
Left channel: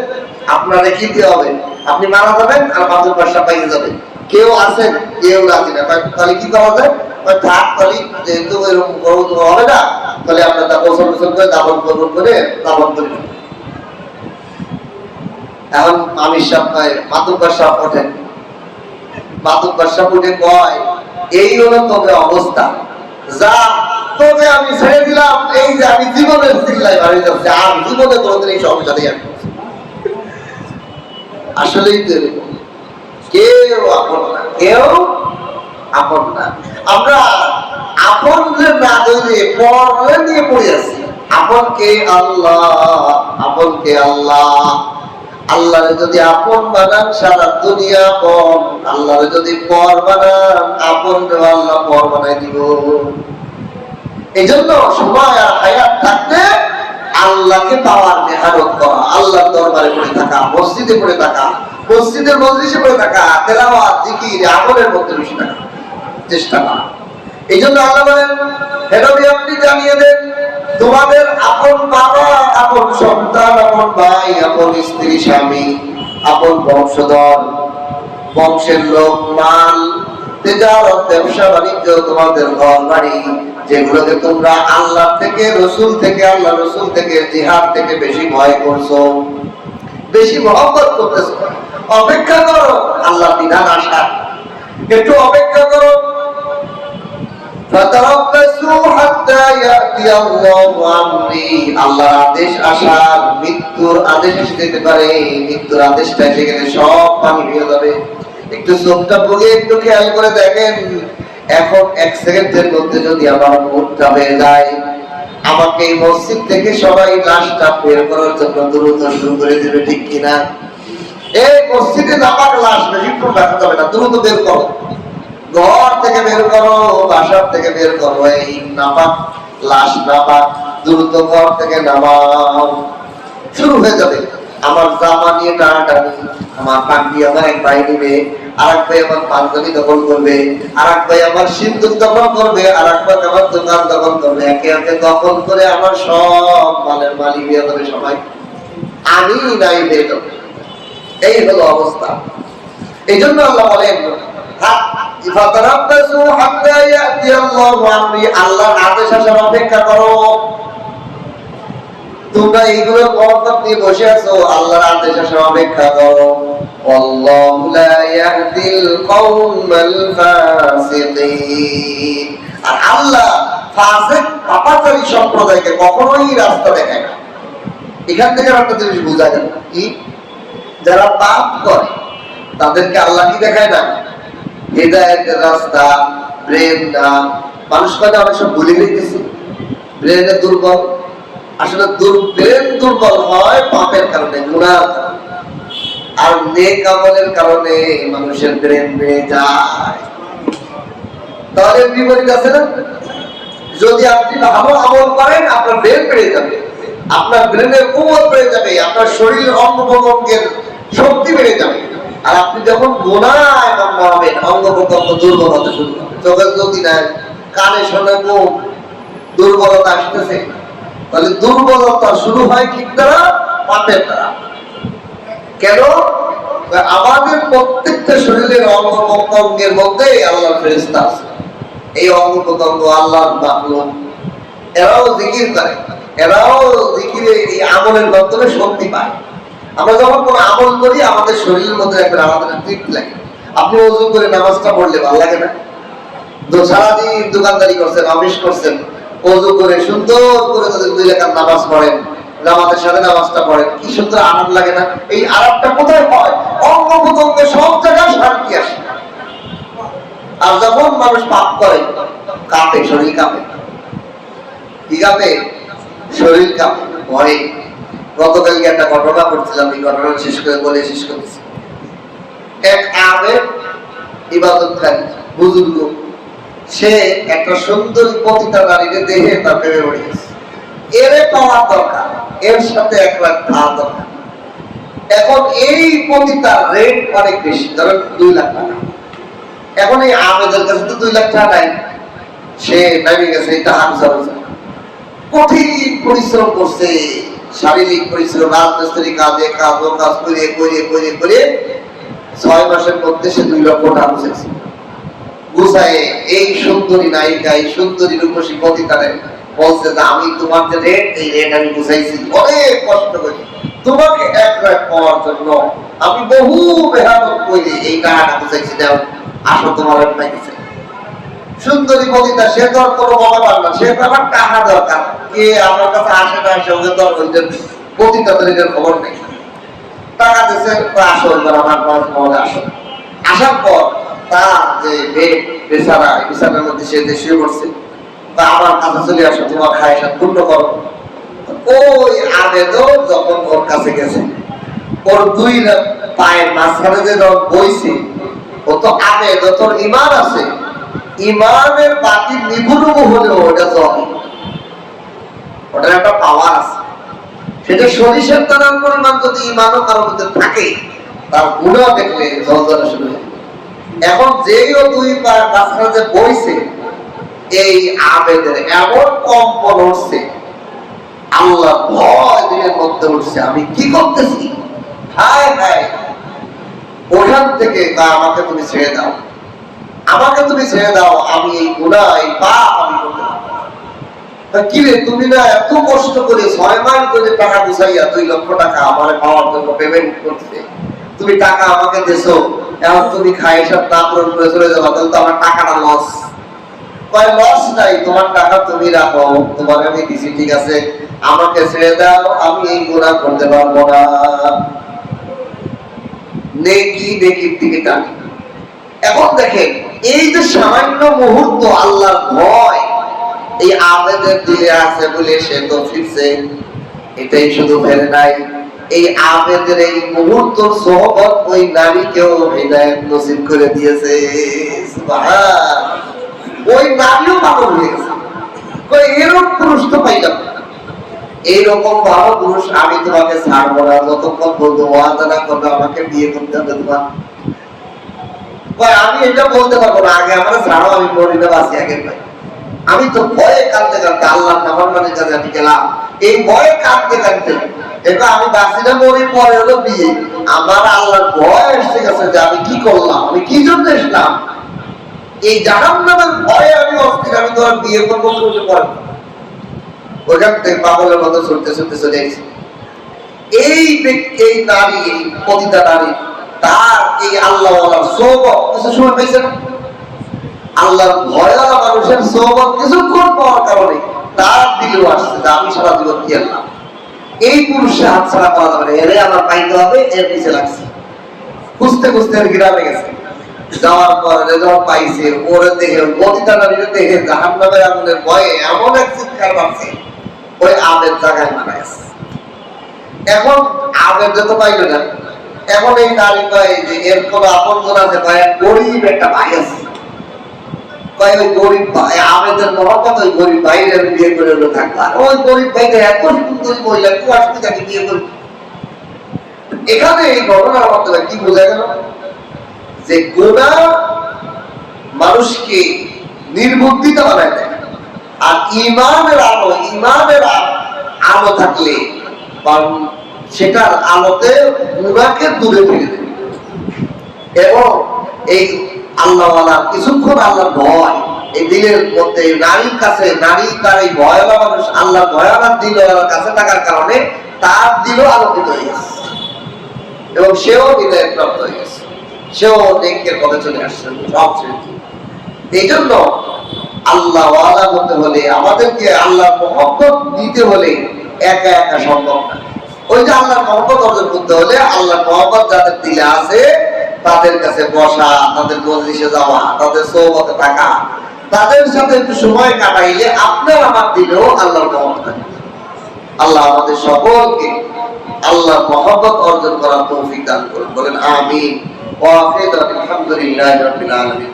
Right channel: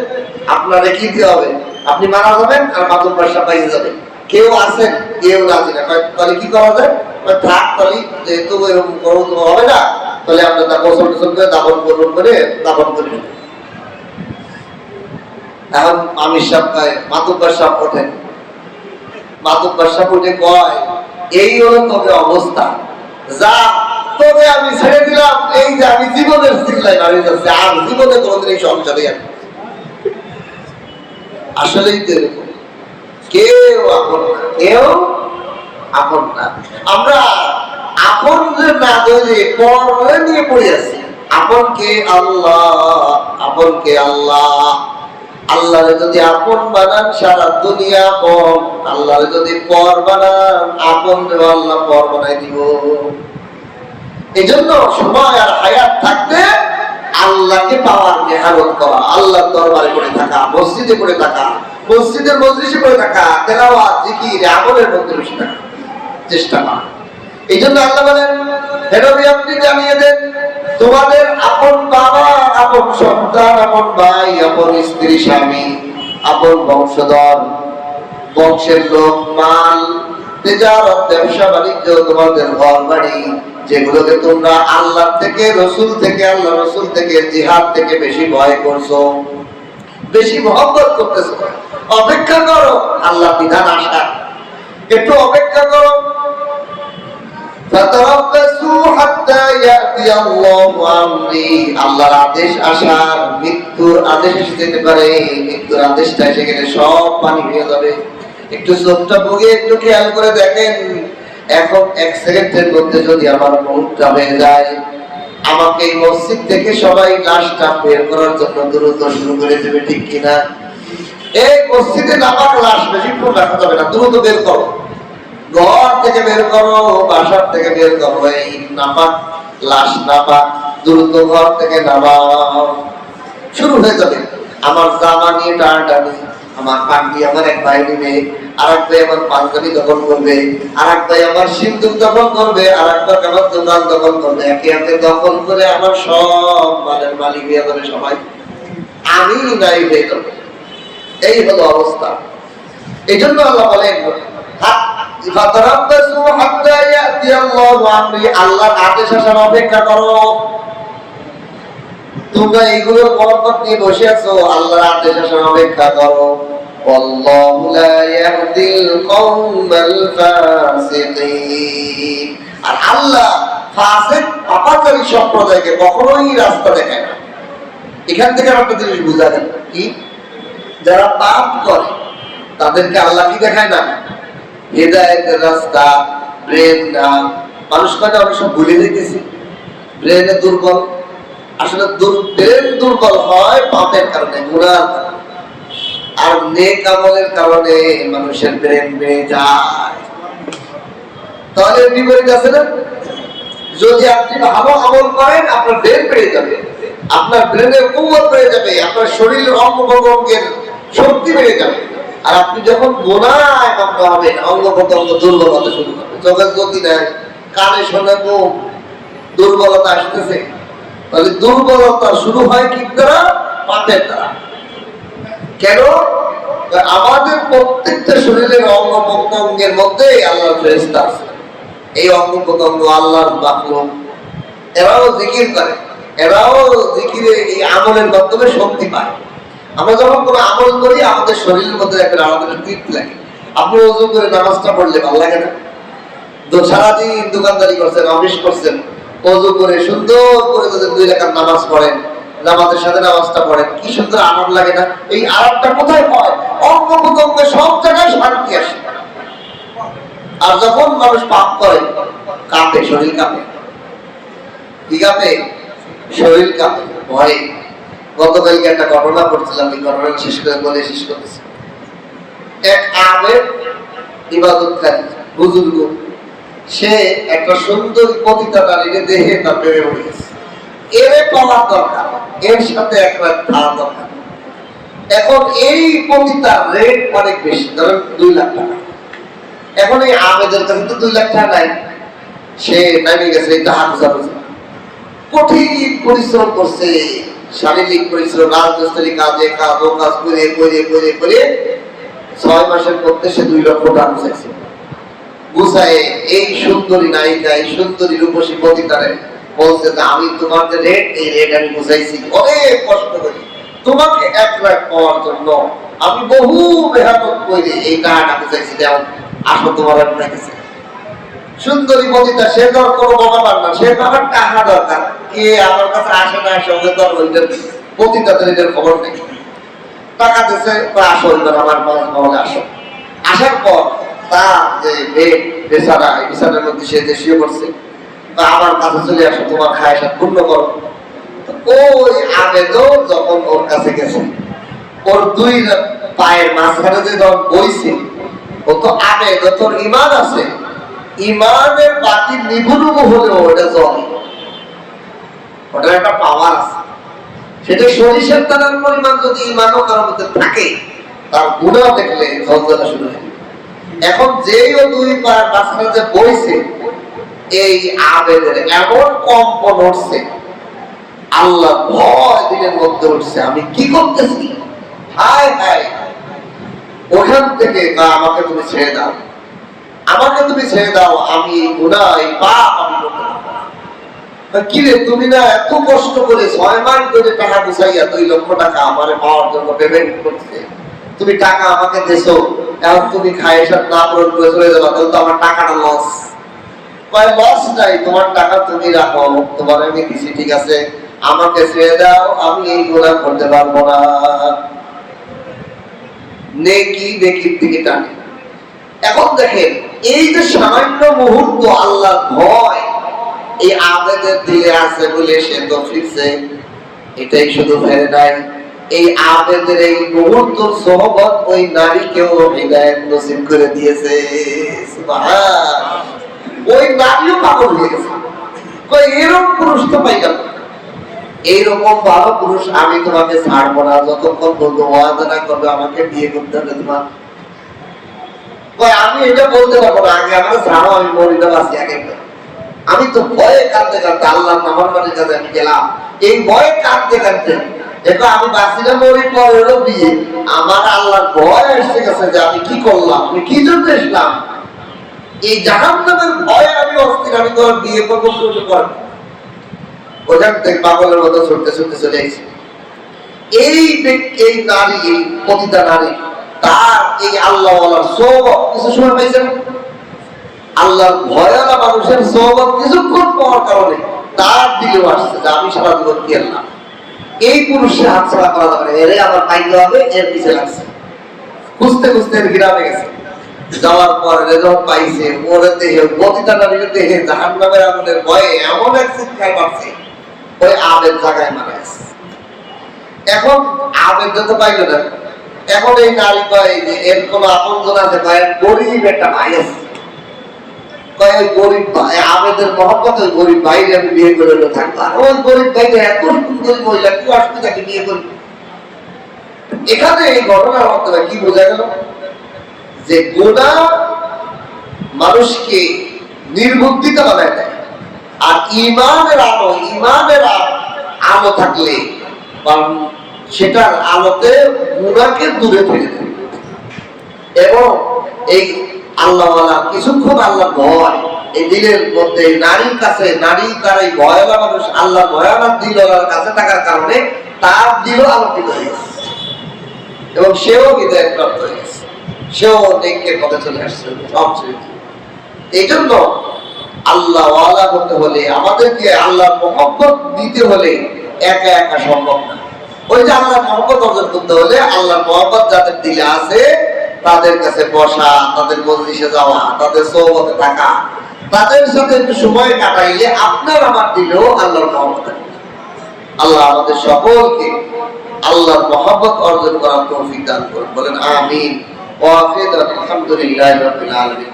আপনার কি দিয়ে হবে, আপনি মারা যাবেন আর মাতুর পয়সা পাইয়ে যাবেন, কেউ আছেন? কেউ রাজি না। তাহলে কি করা যায়? থাক, তাহলে যেহেতু এরকম হবে না, তাহলে আমরা তা গোসল টোসল করে দাফন করবো, করে দাফন করে নেব। এখন আমির সাহেব কয়, মাতুব্বর সাহেব ওঠেন। মাতুব্বর সাহেব উঠে কয়, এই হলো তবে অবস্থা, যা তবে আমি ছেড়ে দিলাম, এই যে আমি জীবনের চিল্লাই বাড়ি যাচ্ছে, আর জীবনে কোনোদিন এই সংসারে আসলেই তো এরকম, কেউ আপন না, কেউ আপন না। আমরা আপন না ধরে পর নিয়ে পড়ে আছি। আপন কে? আল্লাহ। আপন কে? আল্লাহ। আল্লাহরে যদি আপন বানান সারা দুনিয়া আপন, আল্লাহরে যদি পর বানান আপন আল্লাহ পর বানাই দিব। এই জন্য সময় আর হায়াত থাকতে আল্লাহকে পাওয়ার মেহনত করা, আল্লাহর দরবারে পড়ে থাকা, মসজিদে পড়ে থাকা, মসজিদের মজলিসে পড়ে থাকা, তেলাওয়াত, জিকির, আমলের মধ্যে বেশি থাকা চেষ্টা করা। এই জন্য আল্লাহ বলেন, হে নবী আপনি জানিয়ে দেন তোমাদের আপন বাবা, আপন সন্তান, আপন ভাই, আপন স্ত্রী, স্বামী, আপন বংশধর, বংশের লোক, মাল, তেজারত, ব্যবসা বাণিজ্য, তোমাদের ঘর বাড়ি, যেগুলোকে তোমরা আল্লাহ থেকে, রসুল থেকে, আল্লাহ রসুল থেকে, জিহাদ থেকে বেশি ভয় করছো, বেশি মহব্বত করতেছো, অপেক্ষা করো আল্লাহ বিধান আসা, একটু অপেক্ষা করো। আল্লাহর আদেশ আসার, মৃত্যুর আদেশ এসে যেতে পারে, মৃত্যুর আদেশটা এসে গেলে সব পানি হয়ে যাবে। একটু চোখটা বুঝে একটু খেয়াল করে দেখেন, এখন এক সেকেন্ডের মধ্যে যদি আমার মুহূর্তটা হয়ে যায়, আমাকে এই মসজিদ থেকে সবাই লাশটা বের করার জন্য দ্রুত শুরু করে দেবে, ঠিক কিনা? এই মসজিদে নাপাক লাশ বেশিক্ষণ রাখা যাবে না, দ্রুত বের করো, ঘর থেকে বের করো, বাসার থেকে বের করো, এই নাপাক লাশ, নাপাক, দ্রুত ঘর থেকে নামাও। শুরু হয়ে যাবে আমার জামা নিয়ে টানাটানি, আমার পাগড়ি আমার এক ভাই নিবে, আর এক ভাই আমার পাঞ্জাবি দখল করবে, আর এক ভাই আমার সিন্দুক দখল করবে, আর এক ভাই আমার দোকান দখল করবে, একে একে দখল করে আমার সব মালের মালিক হয়ে যাবে সবাই, আমি নাই হয়ে যাবে। এই হলো অবস্থা। এই জন্য আল্লাহ বলেন, আল্লাহর আদেশ আসার অপেক্ষা করো। তোমরা এইগুলোর বরকত নিয়ে বসে আছো, আল্লাহর আদেশ আসার অপেক্ষা করো। আল্লাহু লা ইয়াহদিল কওমাল ফাসিকিন। আর আল্লাহ ফাসিক, পাপাচারী সম্প্রদায়কে কখনোই রাস্তা দেখায় না। এখান থেকে একটা জিনিস বোঝা গেল কি, যারা পাপ করে তাদেরকে আল্লাহ কি দেখায় না? হেদায়েতের রাস্তা, ব্রেন না। মানুষ মানে অনেক সব ভুলে গেছে, ব্রেনে দুর্বল। আসলে ব্রেন দুর্বল হয় পাপের কারণে, গুনার কারণে, আর নেক আমলের কারণে মানুষের ব্রেন বেড়ে যায়। তাহলে বিপরীত আছে না? যদি আপনি ভালো আমল করেন আপনার ব্রেন বেড়ে যাবে, আপনার ব্রেনের কুওয়াত বেড়ে যাবে, আপনার শরীরের অঙ্গ প্রত্যঙ্গের শক্তি বেড়ে যাবে। আর আপনি যখন গুনায় মগ্ন হবেন, অঙ্গ প্রত্যঙ্গ দুর্বল হতে শুরু হবে, চোখের জ্যোতি নাই, কানে শোনে মুখ, দুর্বলতা আসতেছে। তাহলে দুর্বলতা শুরু হয় কি দ্বারা? পাপের দ্বারা। কেন? আমাদের প্রত্যেকটা শরীরের অঙ্গ প্রত্যঙ্গের মধ্যে আল্লাহর ফেরেশতা আছে। এই অঙ্গ প্রত্যঙ্গ আল্লাহর মাখলুক, এরাও জিকির করে, এরাও জিকিরে এই আমলের মাধ্যমে শক্তি পায়। আমরা যখন কোনো আমল করি আমাদের শরীরের মধ্যে একটা আলাদা তৃপ্তি লাগে। আপনি ওযু করে নামাজটা পড়লে ভালো লাগে না? সারাদিন দোকানদারি করছেন, অফিস করছেন, ওযু করে সুন্দর করে যদি 2 রাকাত নামাজ পড়েন, জামাতের সাথে নামাজটা পড়েন, কি সুন্দর আরাম লাগে না? এই আরামটা কোথায় হয়? অঙ্গ প্রত্যঙ্গে সব জায়গায় শান্তি আসে। আর যখন মানুষ পাপ করে কাঁপে, শরীর কাঁপে। কি কাঁপে? শরীর কাঁপে ভয়ে। গতকালকে একটা ঘটনা পড়ছিলাম, এই ঘটনাটা শেষ করে বলে শেষ করতেছি। এক আবেদ ইবাদতকারী বুজুর্গ, সে একটা সুন্দর পতিতা নারীকে দেখে তার প্রেমে পড়ে গেছে। এরে পাওয়ার দরকার, এর সাথে এক রাত খাওয়া দরকার। এখন এই পতিতার রেট অনেক বেশি, ধরেন 2 লাখ টাকা। এখন এই আবেদের কাছে তো 2 লাখ টাকা নাই, সে নামে গেছে টাকা খোঁজার জন্য। কঠিন পরিশ্রম করছে, শারীরিক পরিশ্রম, রাজমিস্ত্রি কাজে কাজ ও কাজ করে করে করে করে 6 মাসের মধ্যে সে 2 লক্ষ টাকা গুছাইছে। গুছায় এই সুন্দরী নায়িকা, এই সুন্দরী রূপসী পতিতারে বলছে যে আমি তোমার যে রেট, এই রেট আমি গুছাইছি অনেক কষ্ট করি, তোমাকে এক রাত পাওয়ার জন্য আমি বহু মেহনত করে এই টাকাটা গুছাইছি, দাও আসো তোমার পাইতেছে। সুন্দরী পতিতা, সে তো আর কোনো বাবা পার না, সে তো আমার টাকা দরকার, কে আমার কাছে আসে না আসে ওকে তো ওইটার পতিতাদের এটার খবর নেই। টাকা দিচ্ছে, আসো এবার আমার মহলে আসো। আসার পর তার যে বেড বেচারা, এই বিছানার মধ্যে সে শুয়ে পড়ছে, আমার কাছে চলে আসো, তোমার খায়সাত পূর্ণ করো। ওই আবেদও যখন ওর কাছে গেছে, ওর দুই পায়ের মাঝখানে যে যখন বইছে, ও তো আবেদ, তোর ইমান আছে, ইমানের বাকি নিবুনুবু হলেও ওটা চলে, ওটার একটা পাওয়ার আছে। সেটা সরিষার দানার পরিমাণ যদি ইমানও কারোর মধ্যে থাকে, তার গুনাহ দেখলে ঝলঝলা শুরু হয়। এখন যেই ও দুই পায়ের মাঝখানে যে বইছে, এই আবেদের এমন কম্পন উঠছে, আল্লাহ ভয় দিনের মধ্যে উঠছে, আমি কি করতেছি, হায় হায়। ওখান থেকে আমাকে তুমি ছেড়ে দাও, আমাকে তুমি ছেড়ে দাও, আমি এই গুনাহ, এই পাপ আমি করতে পারবো না। কি রে, তুমি না এত কষ্ট করে 6 মাস ধরে টাকা গুছাইয়া 2 লক্ষ টাকা আমারে পাওয়ার জন্য পেমেন্ট করতে, তুমি টাকা আমাকে দেছো, এখন তুমি খায়সাত না পূরণ করে চলে যাবা, তাহলে তো আমার টাকাটা লস। কয় লস নাই, তোমার টাকা তুমি রাখো, তোমার আমি দিছি, ঠিক আছে, আমাকে ছেড়ে দাও, আমি এই গুনাহ করতে পারবো না। নেকি নেকির দিকে টানে। এখন দেখেন, এই যে সামান্য মুহূর্ত আল্লাহর ভয় এই আবেদের দিলে আছে বলে সে তো ফিরছে, এটাই শুধু ফেরে নাই, এই আবেদের এই মুহূর্ত সোহবত ওই নারীকেও হিদায়াত নসিব করে দিয়েছে। সুবহান। ওই নারীও পাগল হয়ে গেছে, কই এরকম পুরুষ তো পাইলাম না, এইরকম ভালো পুরুষ আমি তোমাকে ছাড়বো না যতক্ষণ বলবো ওয়াদা না করবে আমাকে বিয়ে করতে হবে তোমার। কই আমি এটা বলতে পারবো না, আগে আমার ছাড়ো, আমি মরি না বাঁচি আগে ভাই। আমি তো ভয়ে কাঁদতে কাঁদতে আল্লাহর নাফরমানের কাছে আমি গেলাম, এই ভয়ে কাঁদতে কাঁদতে, দেখো আমি বাঁচি না মরি, পরে হলো বিয়ে। আমার আল্লাহর ভয় এসে গেছে যে আমি কি করলাম, আমি কি জন্য এসলাম, এই জাহান্নামের ভয়ে আমি অস্থির, আমি তোমার বিয়ে করবো শুরু করবো। ওখান থেকে পাগলের মতো ছুটতে ছুটতে চলে আসছে। এই নারী, এই পতিতা নারী, তার এই আল্লাহওয়ালার সোহবত কিছু সময় পাইছে না, আল্লাহর ভয়ওয়ালা মানুষের সোহবত কিছুক্ষণ পাওয়ার কারণে তার দিলেও আসছে যে আমি সারা জীবন কি আল্লাহ, এই পুরুষের হাত ছাড়া করা যাবে না, এরে আমার পাইতে হবে, এর পিছে লাগছে। খুঁজতে খুঁজতে এর গ্রামে গেছে, যাওয়ার পরে যখন পাইছে, ওরে দেহে, পতিতা নারীর দেহে জাহান্নামের আগুনের ভয়ে এমন এক চিৎকার পাচ্ছে, ওই আবেদ জায়গায় মারা গেছে। এখন আবেদ তো পাইল না, এখন এই নারী কয় যে এর কোন আপনজন আছে, কয় গরিব একটা ভাই আছে, কয় ওই গরিব ভাই আবেদের মহব্বত, ওই গরিব ভাইয়ের আমি বিয়ে করে থাকবো, ওই গরিব ভাইটা এত সুন্দরী মহিলা, কি আসবে তাকে বিয়ে করবো। এখানে এই ঘটনার মাধ্যমে কি বোঝা গেল, যে গুনাহ মানুষকে নির্বুদ্ধিতা বানায় দেয়, আর ইমানের আলো থাকলে সেটার আলোতে গুনাহকে দূরে ফেলে দেয়। এবং এই আল্লাহওয়ালা কিছুক্ষণ আল্লাহর ভয় এই দিলের মধ্যে, নারীর কাছে, নারী তার এই ভয়ওয়ালা মানুষ আল্লাহ ভয়ওয়ালা দিলওয়ালার কাছে থাকার কারণে তার দিলও আলোকিত হয়ে গেছে, এবং সেও হৃদয় প্রাপ্ত হয়ে গেছে, সেও নেকের পথে চলে আসছে সব ছেড়ে। এই জন্য আল্লাহওয়ালা হতে হলে, আমাদেরকে আল্লাহর মহব্বত দিতে হলে একা একা সম্ভব না। ওই যে আল্লাহর মহব্বত অর্জন করতে হলে আল্লাহর মহব্বত যাদের দিলে আছে তাদের কাছে বসা, তাদের মজলিসে যাওয়া, তাদের সোহবতে থাকা, তাদের সাথে একটু সময় কাটাইলে আপনার আমার দিলেও আল্লাহর মহব্বত। আল্লাহ আমাদের সকলকে আল্লাহর মহব্বত অর্জন করার তৌফিক দান করুন, বলেন আমিন। ওয়া আখিরু আলহামদুলিল্লাহি রাব্বিল আলামিন।